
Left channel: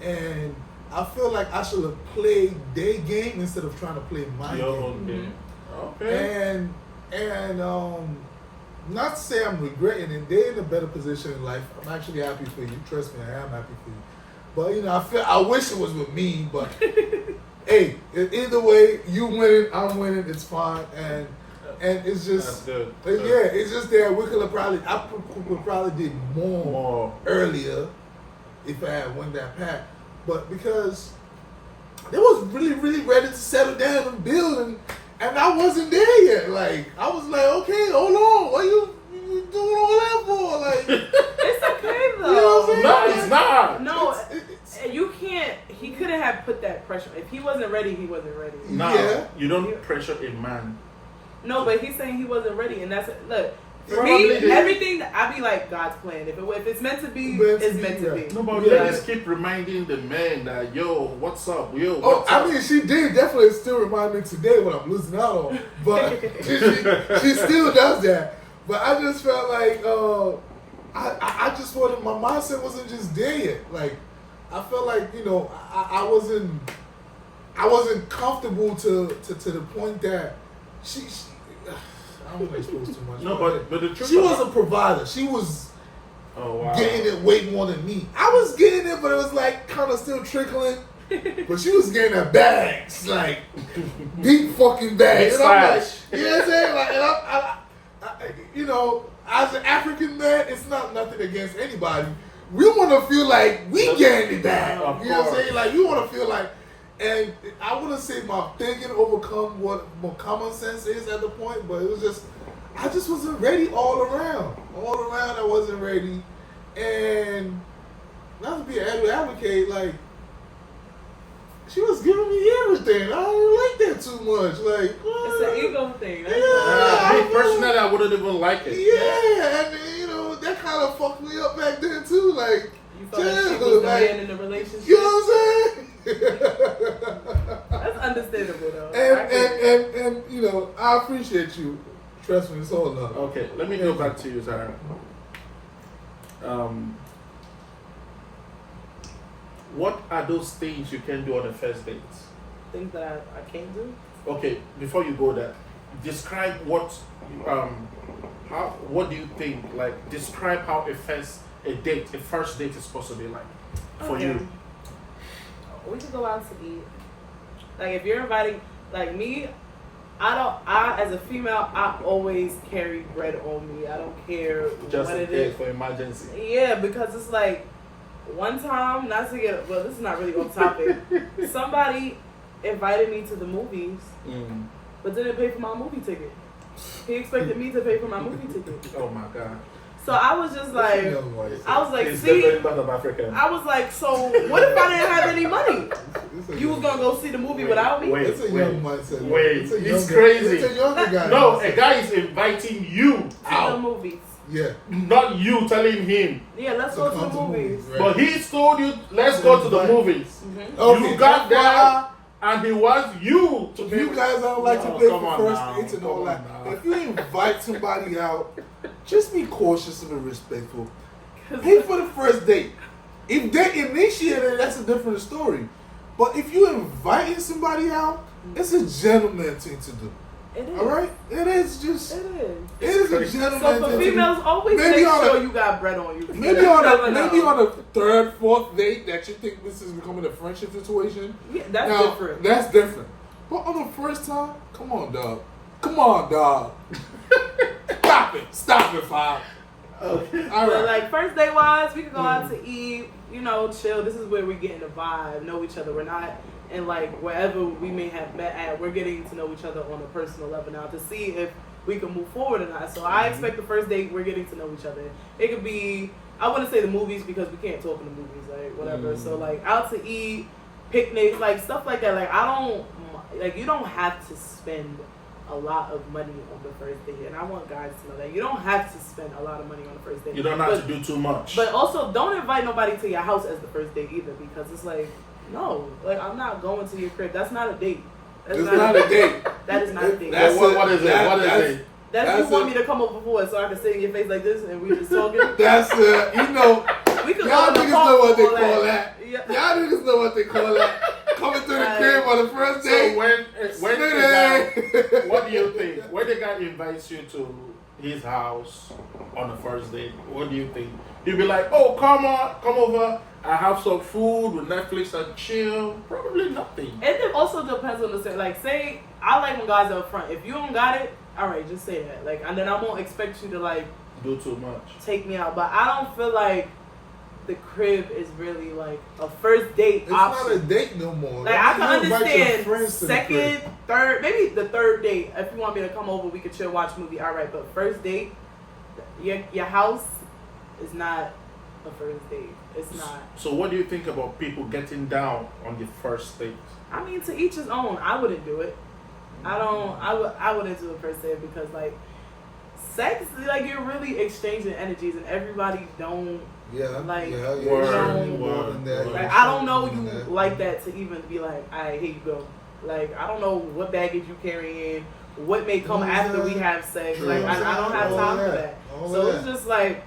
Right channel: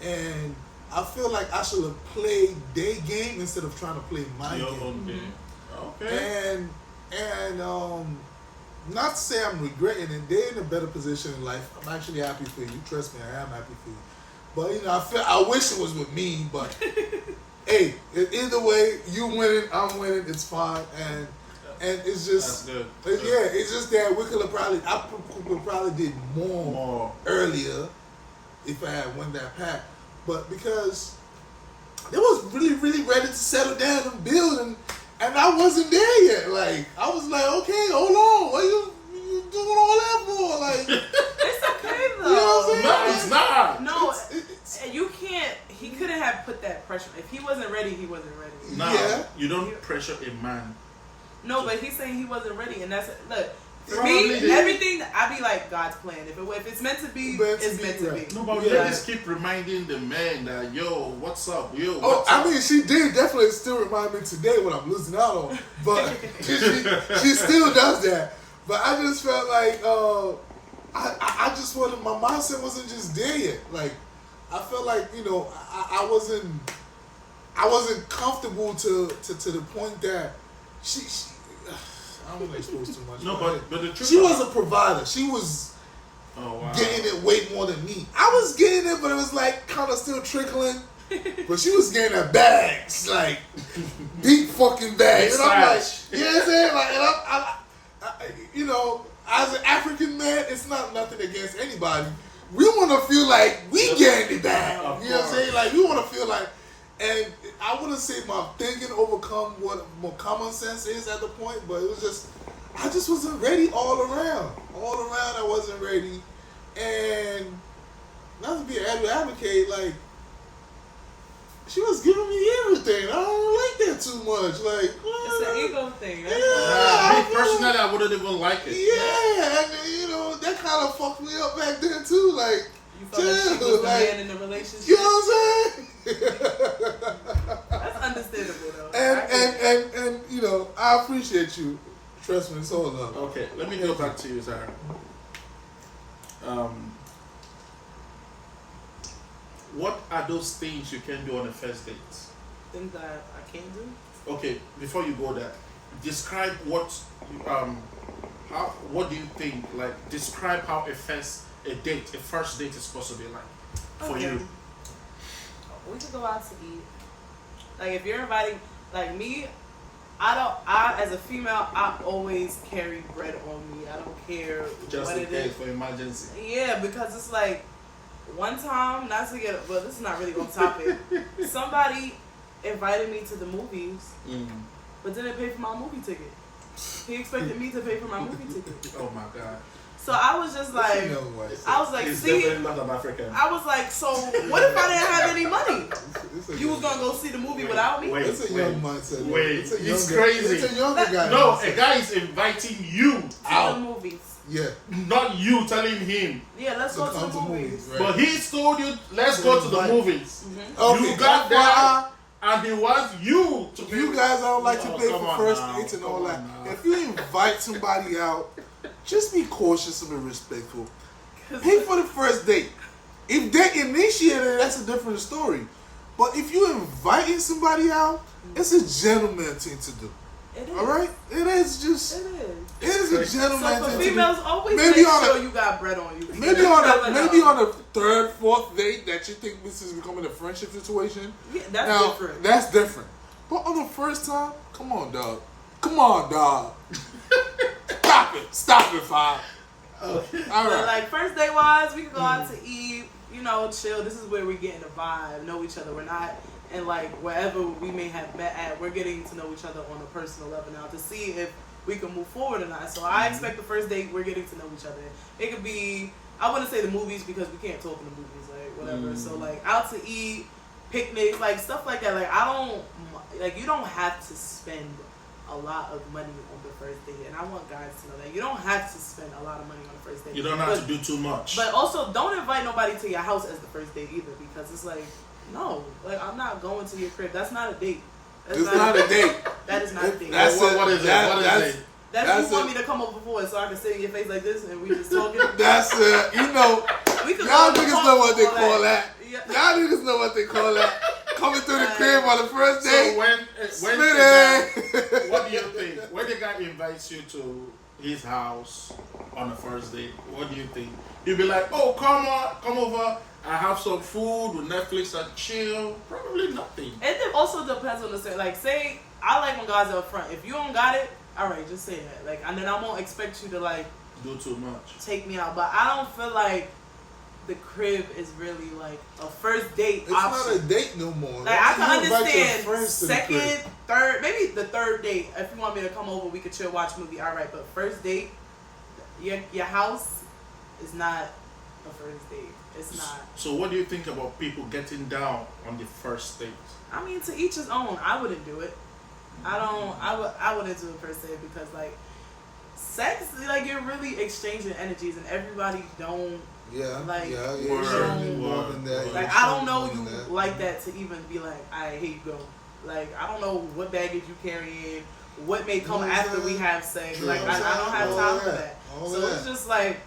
and I feel like I should have played their game instead of trying to play my Your game. own game. Okay. And not to say I'm regretting it. They're in a better position in life. I'm actually happy for you. Trust me, I am happy for you. But you know, I wish it was with me. But hey, either way, you winning, I'm winning. It's fine, and it's just That's good. yeah, it's just that we could have probably did more earlier if I had won that pack. But because they was really ready to settle down and build, and I wasn't there yet. Like I was like, okay, hold on, what you doing all that for? Like It's okay though. You know what I'm No, saying? it's not. No, It's- you can't. He couldn't have put that pressure. If he wasn't ready, he wasn't ready. Nah, Yeah. you don't pressure a man. No, but he's saying he wasn't ready, and that's look. For Probably me, did. everything I be like God's plan. If it's meant to be, it's meant to be. No, but Yeah. ladies keep reminding the men that, yo, what's up? Yo, Oh, what's I up? mean, she did definitely still remind me today when I'm losing out on, but she still does that. But I just felt like I just wanted, my mindset wasn't just there yet. Like I felt like I wasn't comfortable to the point that she I don't want to expose too much. No, but the truth she about- was a provider. She was Oh, wow. getting it way more than me. I was getting it, but it was like kind of still trickling. But she was getting her bags, like deep fucking bags. Big And I'm like, size. you know what I'm saying? Like, and as an African man, it's not nothing against anybody. We want to feel like we getting it back. Of You know what I'm course. saying? Like, we want to feel like, and I wouldn't say my thinking overcome what my common sense is at the point, but it was just, I just wasn't ready all around. All around, I wasn't ready. And not to be an advocate, like, she was giving me everything. I don't like that too much. Like, It's an ego thing. That's Yeah. Me personally, I wouldn't even like it. yeah, and that kind of fucked me up back then too. Like, You felt like she dude, was the like, man in the relationship. you know what I'm saying? That's understandable though. I get it. and I appreciate you. Trust me, it's all love. Okay, let me go back to you, Zara. What are those things you can do on a first date? Things that I can't do. Okay, before you go there, describe what do you think? Like, describe how a first date is supposed to be like for Okay. you. We could go out to eat. Like if you're inviting, like me, I as a female, I always carry bread on me. I don't care Just what in it case is. for emergency. Yeah, because it's like one time, not to get, but this is not really on topic. Somebody invited me to the movies, but didn't pay for my movie ticket. He expected me to pay for my movie ticket. Oh my God. So I was just like, I was like, It's see, definitely not an African. I was like, so what if I didn't have any money? You was gonna go see the movie without me? Wait. It's a young mindset. man. Wait, It's a it's younger- crazy. It's a younger guy. No, a mindset. guy is inviting you To the out, movies. Yeah. not you telling him. Yeah, let's go to the movies. right? But he told you, let's go to the Right. movies. Okay, You got FYI, there, and he wants you to If pay. you guys don't like to No, pay come for on first now, dates and come all on that, now. if you invite somebody out, just be cautious and respectful. Pay for the first date. If they initiate it, that's a different story. But if you're inviting somebody out, it's a gentleman thing to do. It is. All right? It is just. It is. It is a gentleman So thing for to females, do. always Maybe make on sure a- you got bread on you. Maybe You on never a know. maybe on a third, fourth date that you think this is becoming a friendship situation. Yeah, that's Now, different. That's different. But on the first time, come on, dog. Come on, dog. Stop it, Five. Okay. All So, right. like, first day wise, we can go out to eat, you know, chill. This is where we're getting the vibe, know each other. We're not in, like, wherever we may have met at. We're getting to know each other on a personal level now to see if we can move forward or not. So I expect the first date, we're getting to know each other. It could be, I wouldn't say the movies because we can't talk in the movies, like, whatever. So, like, out to eat, picnics, like, stuff like that. Like, you don't have to spend a lot of money on the first date, and I want guys to know that you don't have to spend a lot of money on the first date. You don't have to do too much. But also, don't invite nobody to your house as the first date either, because it's like, no, like, I'm not going to your crib. That's not a date. That's It's not a date. That is not a date. That's what is it? What is that's- it? That's you want me to come over for it so I can sit in your face like this and we just talking. That's you know. We could Y'all go in niggas the park know what they for all call that. Yeah. Y'all niggas know what they call that. Coming through the crib on the first So day. when Split the it. guy, what do you think? When the guy invites you to his house on the first date, what do you think? You'll be like, oh, come over. I have some food with Netflix and chill. Probably nothing. It also depends on the set. Like, say, I like when guys are up front. If you don't got it, all right, just say that. Like, and then I won't expect you to, like, Do too much. take me out. But I don't feel like the crib is really, like, a first date It's option. not a date no more. Like, I can You invite your understand friends to the crib. second, third, maybe the third date. If you want me to come over, we could chill, watch a movie. All right, but first date, your house is not a first date. It's not. So what do you think about people getting down on the first date? I mean, to each his own. I wouldn't do it. I wouldn't do it per se because, like, sex, like, you're really exchanging energies and everybody don't. Yeah, Like, yeah, word, certainly more word, than that. word. Like, I don't know you like that to even be like, alright, here you go. Like, I don't know what baggage you carrying, what may come after we have sex. True. Like, I don't have All time for that. that. All So that. it's just like,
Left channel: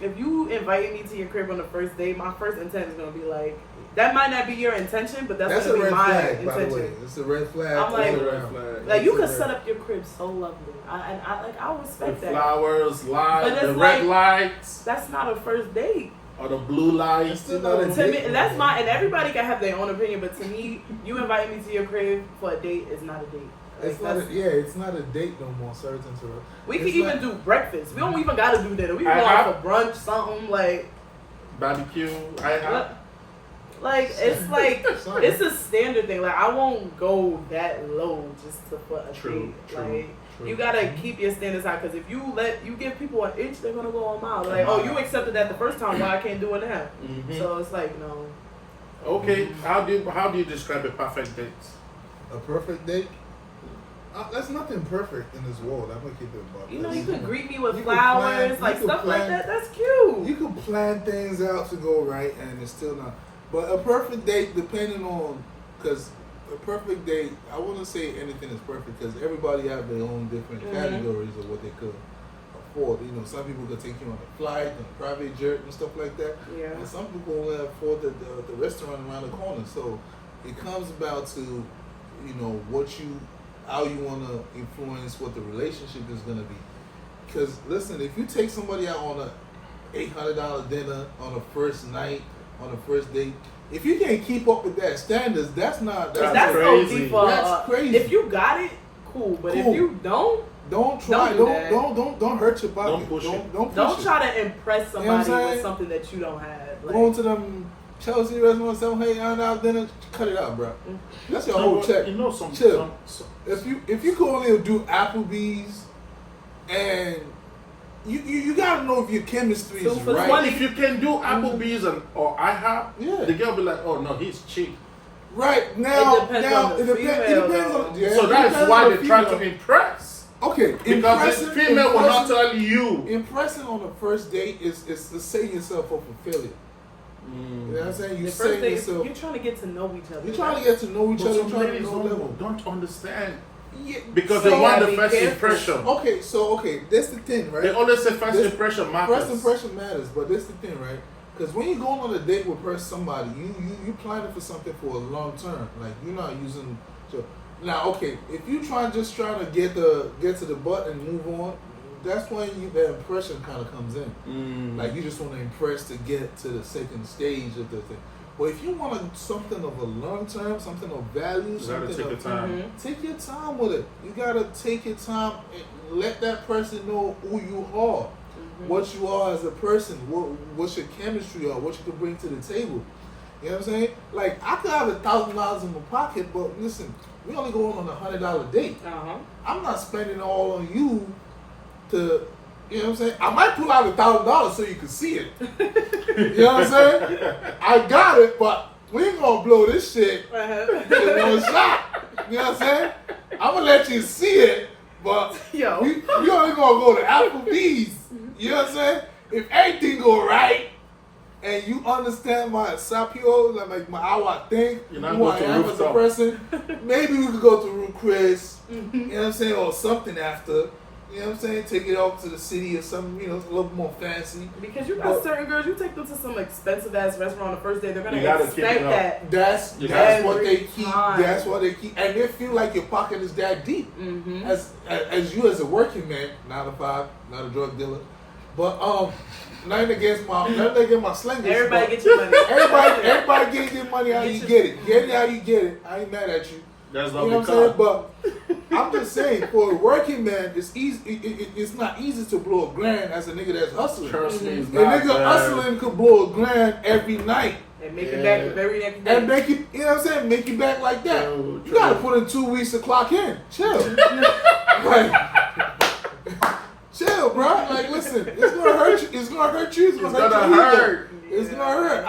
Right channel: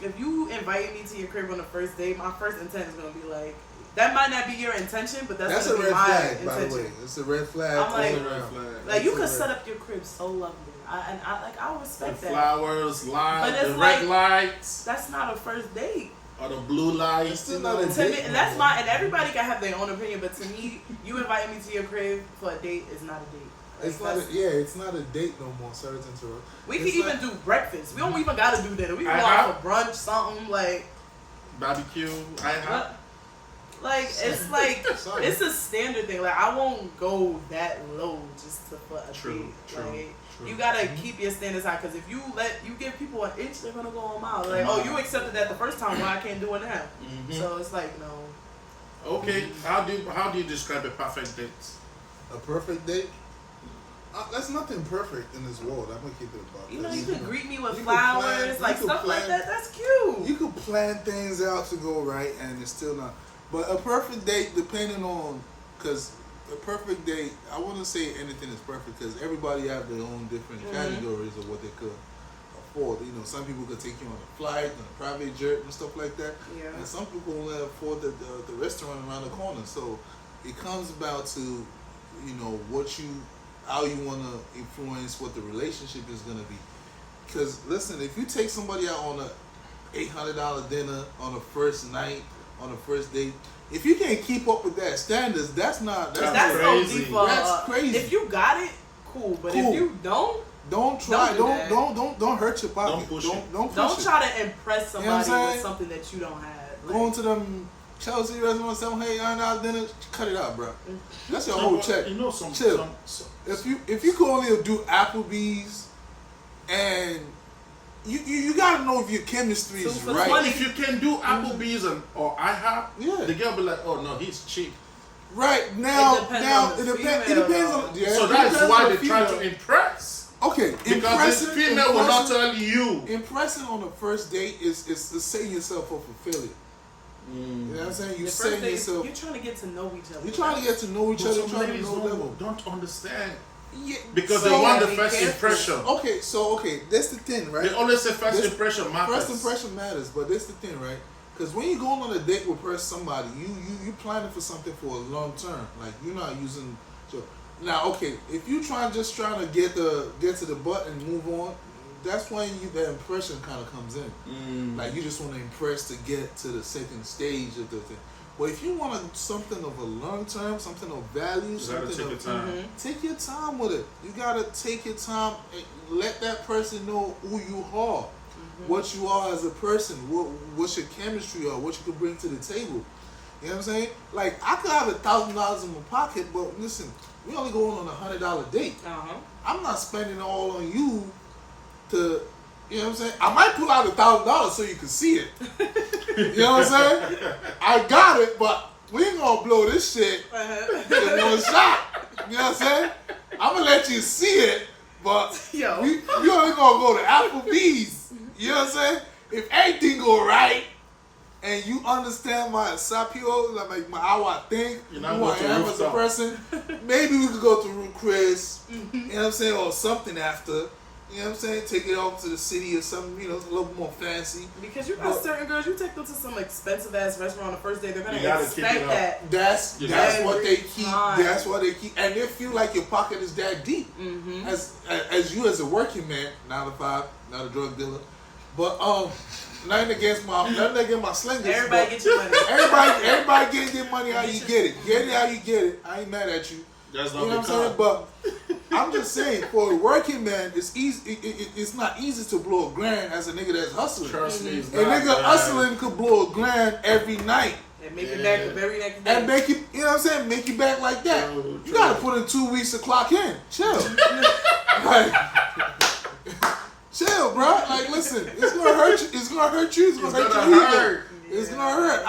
if you invite me to your crib on the first date, my first intent is gonna be like, that might not be your intention, but that's That's a gonna be red my flag, intention. by the way. It's a red flag. I'm like- all It's a red around. flag. Like, you It's could a set red- up your crib so lovely, I respect The that. flowers, lights, But the it's red like- lights, That's not a first date. or the blue lights. It's still you not know. a To me, date. and that's my, and everybody can have their own opinion, but to me, you inviting me to your crib for a date is not a date. Like, It's not. It's not a date no more. Sorry to interrupt. we It's can even not- do breakfast. We don't even gotta do dinner. We can go I- out for brunch, something like, Barbecue. I have. like it's like Sorry. it's a standard thing. Like, I won't go that low just to put a True, date. true, Like, true. you gotta keep your standards high because if you give people an inch, they're gonna go a mile. Like, oh, you accepted that the first time, why I can't do it now? Mhm. So it's like, no. Okay. How do you describe a perfect date? A perfect date. That's nothing perfect in this world. I'm gonna keep it about. You know, this. you could greet me with You could flowers, plan- like you could stuff like plan- that. That's cute. You could plan things out to go right, and it's still not. But a perfect date, depending on, because a perfect date, I wouldn't say anything is perfect because everybody have their own different categories of what they could afford. You know, some people could take you on a flight, on a private jet, and stuff like that. Yeah. And some people only afford the restaurant around the corner. So it comes about to, you know, how you want to influence what the relationship is going to be. Because listen, if you take somebody out on a $800 dinner on a first night, on a first date, if you can't keep up with that standards, that's That's crazy. OD for That's crazy. If you got it, cool. But Cool. if you don't don't try. Don't do that. Don't hurt your pocket. Don't push it. Don't push don't it. try to impress You know what I'm somebody with saying? something that you don't have. Like, Going to them Chelsea restaurants, saying, "Hey, I'm out dinner." Cut it out, bro. That's your No, whole but check. You know, some Chill. If you can only do Applebee's, and you gotta know if your chemistry So is for right. 20 if you can do Applebee's or IHOP, Yeah. the girl be like, oh no, he's cheap. Right now, It depends on the it female, depends on. though. Yeah, So it that's depends why on they the try female. to impress. Okay, Because this impressing- female will not impressing- tell you. Impressing on the first date is to setting yourself up for failure. You know what I'm saying? You're the first setting date, yourself. you're trying to get to know each other. You're trying to get to know each But other, some trying to ladies know level. don't understand. Yeah, Because so- they want the be first careful. impression. Okay, that's the thing, right? They always say first This- impression matters. First impression matters, but that's the thing, right? Because when you go on a date with somebody, you planning for something for a long term. Like you're not using. So now, okay, if you trying to get to the butt and move on, that's when the impression kind of comes in. Like you just want to impress to get to the second stage of the thing. But if you want something of a long term, something of value, You gotta something take your of, time. take your time with it. You gotta take your time. let that person know who you are, what you are as a person, what's your chemistry are, what you can bring to the table. You know what I'm saying? Like, I could have $1,000 in my pocket, but listen, we only going on $100 date. I'm not spending all on you to, you know what I'm saying? I might pull out $1,000 so you can see it. You know what I'm saying? I got it, but we ain't gonna blow this shit in one shot. You know what I'm saying? I'm gonna let you see it, but you only gonna go to Applebee's. You know what I'm saying? If everything go right, and you understand my sapio, like how I think, who I am as a person, maybe we could go to Room Chris, you know what I'm saying, or something after. You know what I'm saying? Take it off to the city or something, you know, a little more fancy. Because you got certain girls, you take them to some expensive ass restaurant on the first day, they're gonna expect that. That's what they keep. That's what they keep, and they feel like your pocket is that deep. As you as a working man, 9 to 5, not a drug dealer, but nothing against my slingers. Everybody get your money. Everybody get your money how you get it. Get it how you get it. I ain't mad at you. That's you know what I'm saying? But I'm just saying, for a working man, it's easy. It's not easy to blow $1,000 as a nigga that's hustling. Trust me, it's a nigga hustling could blow $1,000 every night. And make it back the very next day. And make it, you know what I'm saying? Make it back like that. True. You gotta put in 2 weeks to clock in. Chill. Like, chill, bro. Like, listen, it's gonna hurt you. It's gonna hurt you. It's gonna hurt. It's gonna hurt.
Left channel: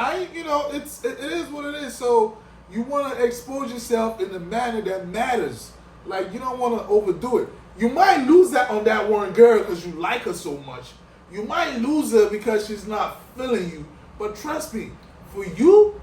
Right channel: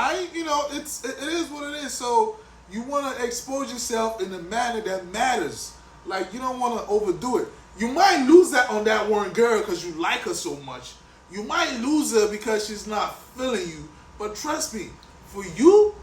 It is what it is. So you want to expose yourself in a manner that matters. Like, you don't want to overdo it. You might lose that on that one girl because you like her so much. You might lose her because she's not feeling you. But trust me, for you,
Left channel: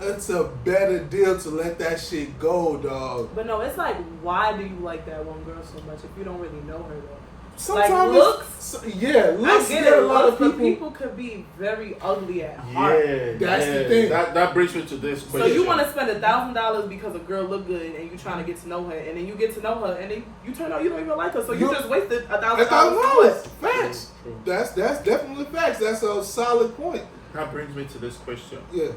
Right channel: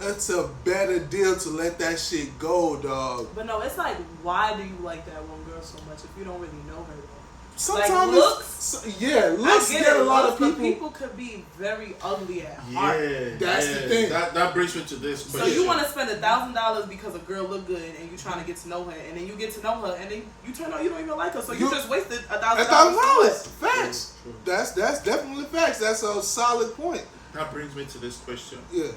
it's a better deal to let that shit go, dog. But no, it's like, why do you like that one girl so much if you don't really know her though? Sometimes like looks, looks get a lot of people. But people could be very ugly at heart. Yeah, that's the thing. That brings me to this question. So you want to spend $1,000 because a girl look good and you trying to get to know her, and then you get to know her, and then you turn out you don't even like her, so you just wasted $1,000. Facts. That's definitely facts. That's a solid point. That brings me to this question. Yeah.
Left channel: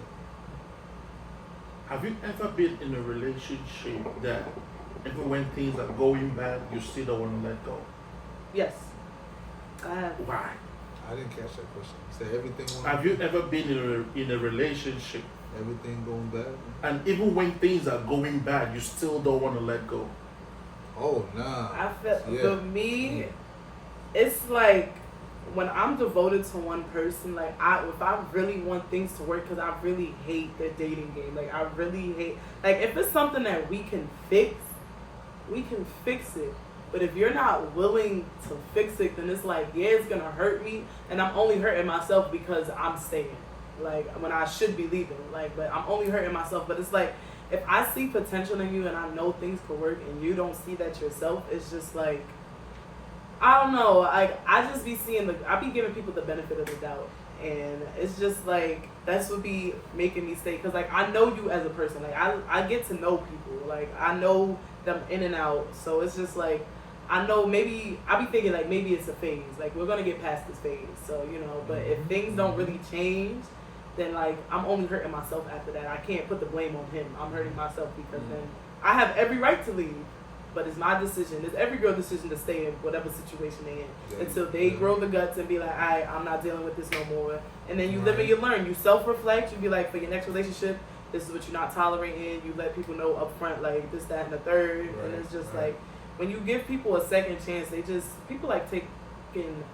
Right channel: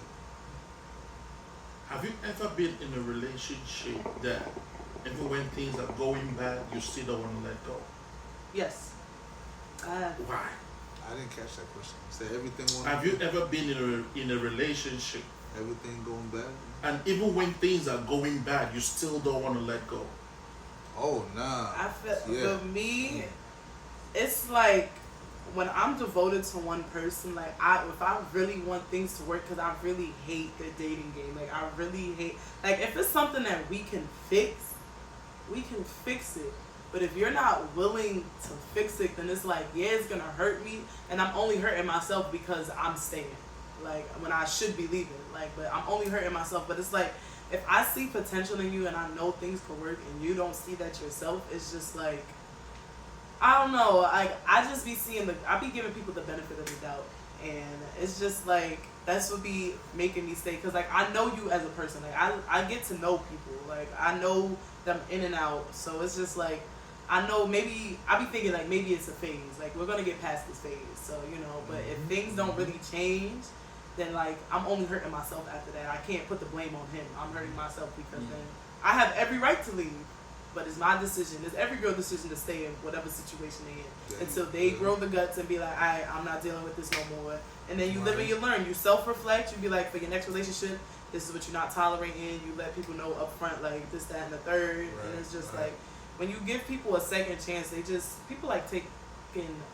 Have you ever been in a relationship that even when things are going bad, you still don't want to let go? Yes. Why? I didn't catch that question. Say everything. Have you ever been in a relationship? Everything going bad? And even when things are going bad, you still don't want to let go? Oh, nah. I feel, for me, it's like when I'm devoted to one person, like if I really want things to work, because I really hate the dating game. Like I really hate, like if it's something that we can fix it. But if you're not willing to fix it, then it's like, yeah, it's gonna hurt me, and I'm only hurting myself because I'm staying. Like when I should be leaving. Like, but I'm only hurting myself. But it's like, if I see potential in you and I know things could work, and you don't see that yourself, it's just like, I don't know. Like I just be seeing I be giving people the benefit of the doubt, and it's just like that's what be making me stay. Cause like I know you as a person. Like I get to know people. Like I know them in and out. So it's just like, I know maybe I be thinking like maybe it's a phase. Like we're gonna get past this phase. So you know, but if things don't really change, then like I'm only hurting myself after that. I can't put the blame on him. I'm hurting myself because then I have every right to leave. But it's my decision. It's every girl's decision to stay in whatever situation they're in until they grow the guts and be like, alright, I'm not dealing with this no more. And then you live and you learn. You self-reflect. You be like, for your next relationship, this is what you're not tolerating. You let people know up front, like this, that, and the third. And it's just like, when you give people a second chance, people like taking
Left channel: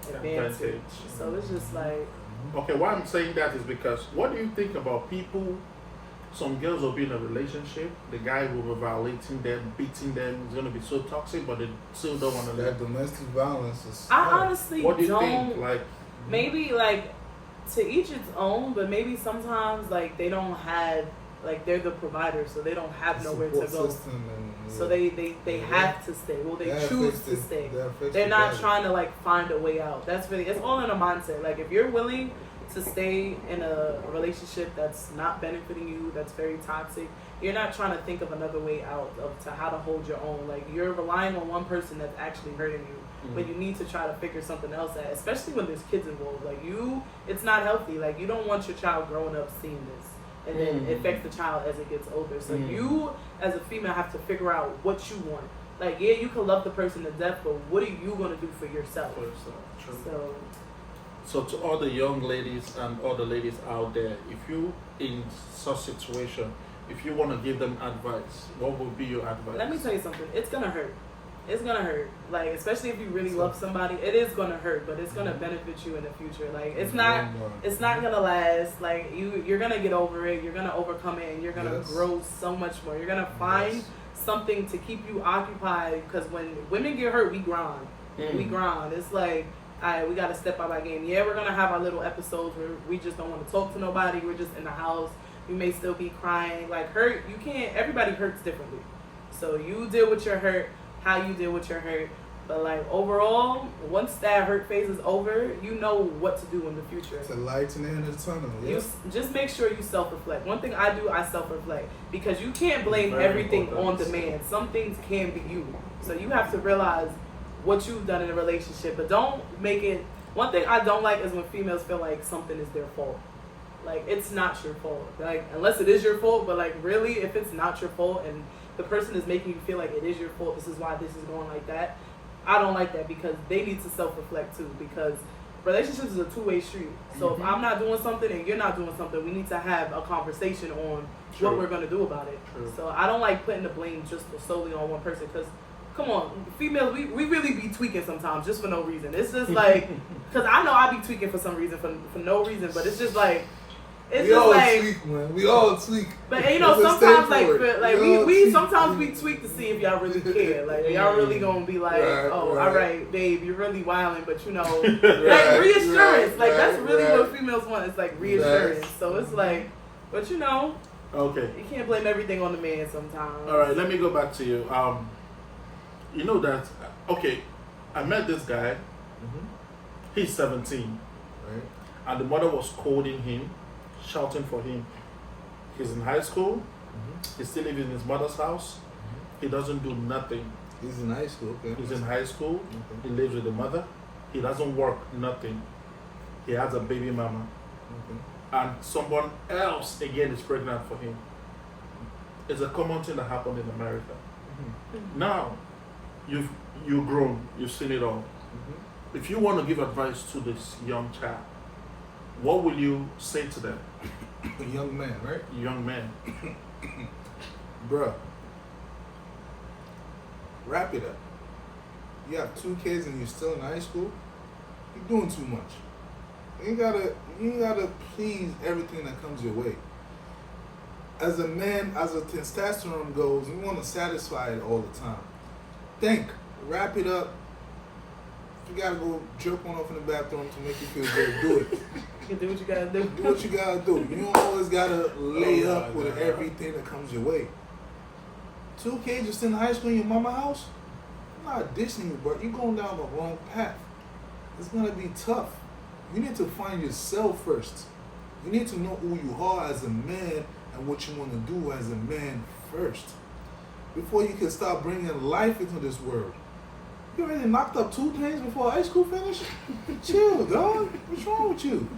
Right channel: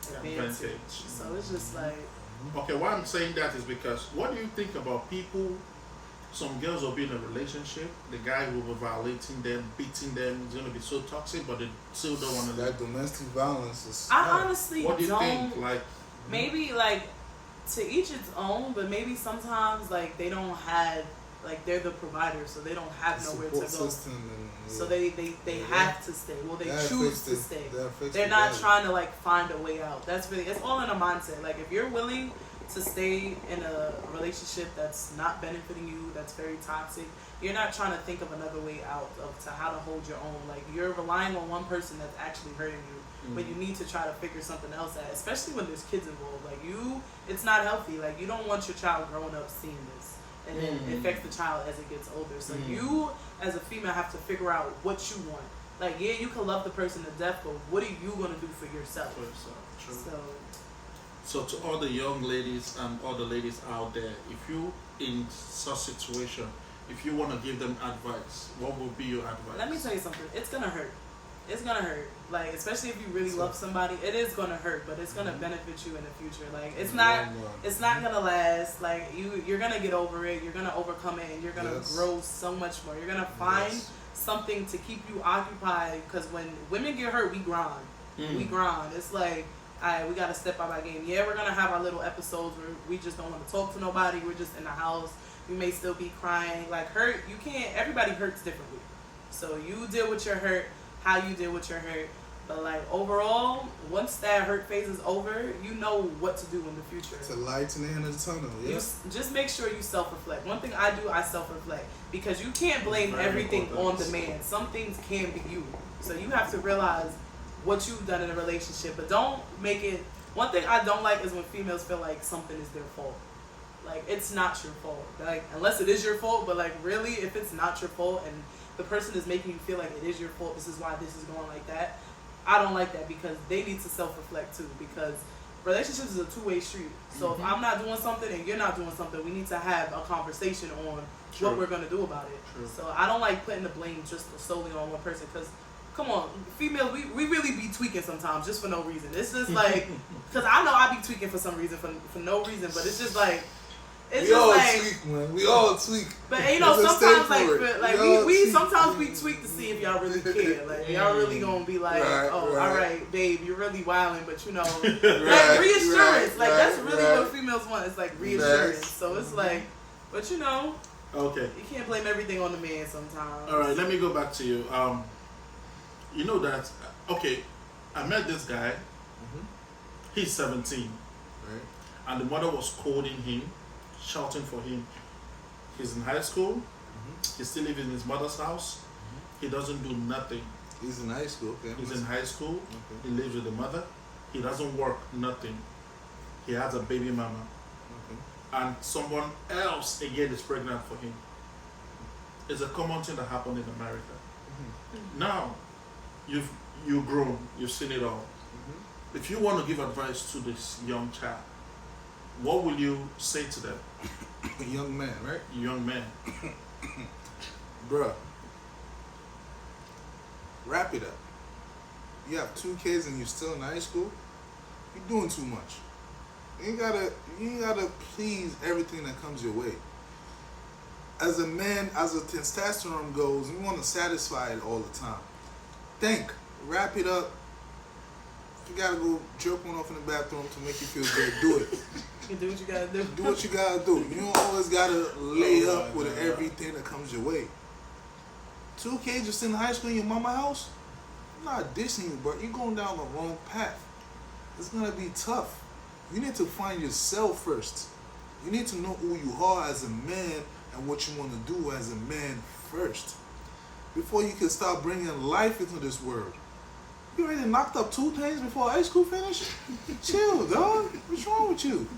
advantage. So it's just like. Okay, why I'm saying that is because what do you think about people? Some girls will be in a relationship, the guy will be violating them, beating them, it's going to be so toxic, but they still don't want to leave. That domestic violence is... I honestly what do you think? Like, maybe, like, to each its own, but maybe sometimes, like, they don't have, like, they're the provider, so they don't have nowhere to go. So they have to stay. Well, they choose to stay. They're not trying to, like, find a way out. It's all in a mindset. Like, if you're willing to stay in a relationship that's not benefiting you, that's very toxic, you're not trying to think of another way out to how to hold your own. Like you're relying on one person that's actually hurting you, but you need to try to figure something else out, especially when there's kids involved. Like it's not healthy. Like you don't want your child growing up seeing this, and then it affects the child as it gets older. So you as a female have to figure out what you want. Like, yeah, you can love the person to death, but what are you gonna do for yourself? For yourself, true. So So to all the young ladies and all the ladies out there, if you in such situation, if you want to give them advice, what would be your advice? let me tell you something. It's gonna hurt. It's gonna hurt. Like, especially if you really love somebody, it is gonna hurt, but it's gonna benefit you in the future. Like, it's not gonna last. Like, you're gonna get over it. You're gonna overcome it, and you're gonna grow so much more. You're gonna find something to keep you occupied. Because when women get hurt, we grind. We grind. It's like, all right, we gotta step up our game. Yeah, we're gonna have our little episodes where we just don't want to talk to nobody. We're just in the house. We may still be crying. Like, hurt, you can't. Everybody hurts differently. So you deal with your hurt how you deal with your hurt. But like, overall, once that hurt phase is over, you know what to do in the future. It's a light in the end of the tunnel. Yeah? You just make sure you self-reflect. One thing I do, I self-reflect, because you can't blame everything on the man. Some things can be you. So you have to realize what you've done in a relationship, but don't make it. One thing I don't like is when females feel like something is their fault. Like, it's not your fault. Like, unless it is your fault, but like, really, if it's not your fault and the person is making you feel like it is your fault, this is why this is going like that, I don't like that, because they need to self-reflect too, because relationships is a two-way street. So if I'm not doing something and you're not doing something, we need to have a conversation on what we're going to do about it. So I don't like putting the blame just solely on one person, because come on, females, we really be tweaking sometimes just for no reason. It's just like, because I know I be tweaking for some reason, for no reason, but it's just like, it's we just all like, tweak, man. We all tweak. But you know, sometimes like we sometimes we tweak to see if y'all really care. Like, y'all really gonna be like, all right, babe, you're really wilding, but you know, like reassurance. Like, that's really what females want. It's like reassurance. So it's like, but you know, okay, you can't blame everything on the man sometimes. All right, let me go back to you. You know that, okay, I met this guy. He's 17, Right. and the mother was scolding him, shouting for him. He's in high school. He still lives in his mother's house. He doesn't do nothing. He's in high school. Okay. He's in high school. Okay. He lives with the mother. He doesn't work, nothing. He has a baby mama. Okay. And someone else again is pregnant for him. It's a common thing that happened in America. Now, you've grown, you've seen it all. If you want to give advice to this young child, what will you say to them? A young man, right? Young man. Bruh. Wrap it up. You have 2 kids and you're still in high school. You're doing too much. You gotta please everything that comes your way. As a man, as a testosterone goes, you want to satisfy it all the time. Think. Wrap it up. If you gotta go jerk one off in the bathroom to make you feel good, do it. You can do what you gotta do. Do what you gotta do. You don't always gotta lay up with everything that comes your way. 2 kids just in high school in your mama house? I'm not dissing you, but you're going down the wrong path. It's gonna be tough. You need to find yourself first. You need to know who you are as a man and what you want to do as a man first. Before you can start bringing life into this world. You already knocked up 2 things before high school finish? Chill, dog. What's wrong with you?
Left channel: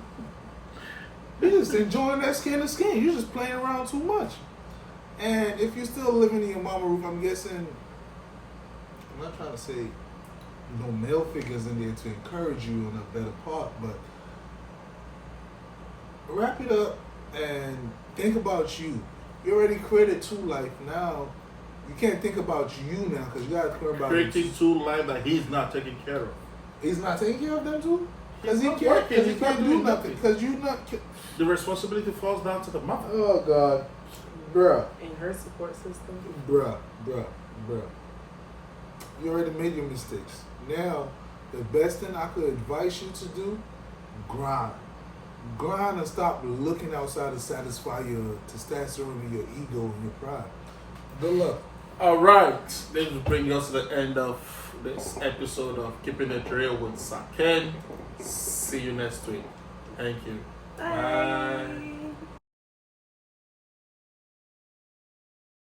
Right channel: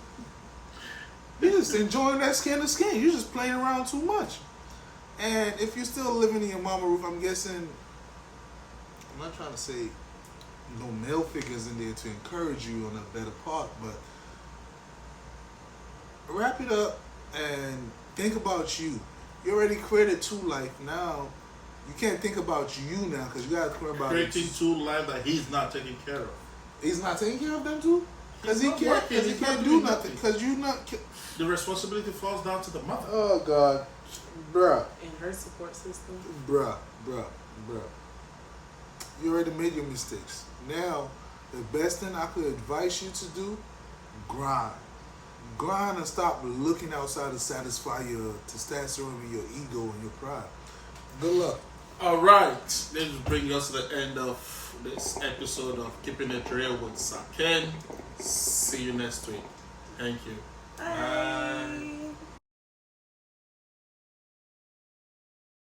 You're just enjoying that skin to skin. You're just playing around too much. And if you're still living in your mama roof, I'm guessing, I'm not trying to say no male figures in there to encourage you on a better part, but wrap it up and think about you. You already created 2 life. Now, you can't think about you now because you got to think about Creating 2 lives that he's not taking care of. He's not taking care of them too? Because He's he not can't, working, cause he he's not can't do doing nothing. nothing. Because you not... The responsibility falls down to the mother. Oh, God. Bruh. In her support system. Bruh. You already made your mistakes. Now, the best thing I could advise you to do, grind. Grind and stop looking outside to satisfy your testosterone, your ego, and your pride. Good luck. All right, this will bring us to the end of this episode of Keeping It Real with Saken. See you next week. Thank you. Bye.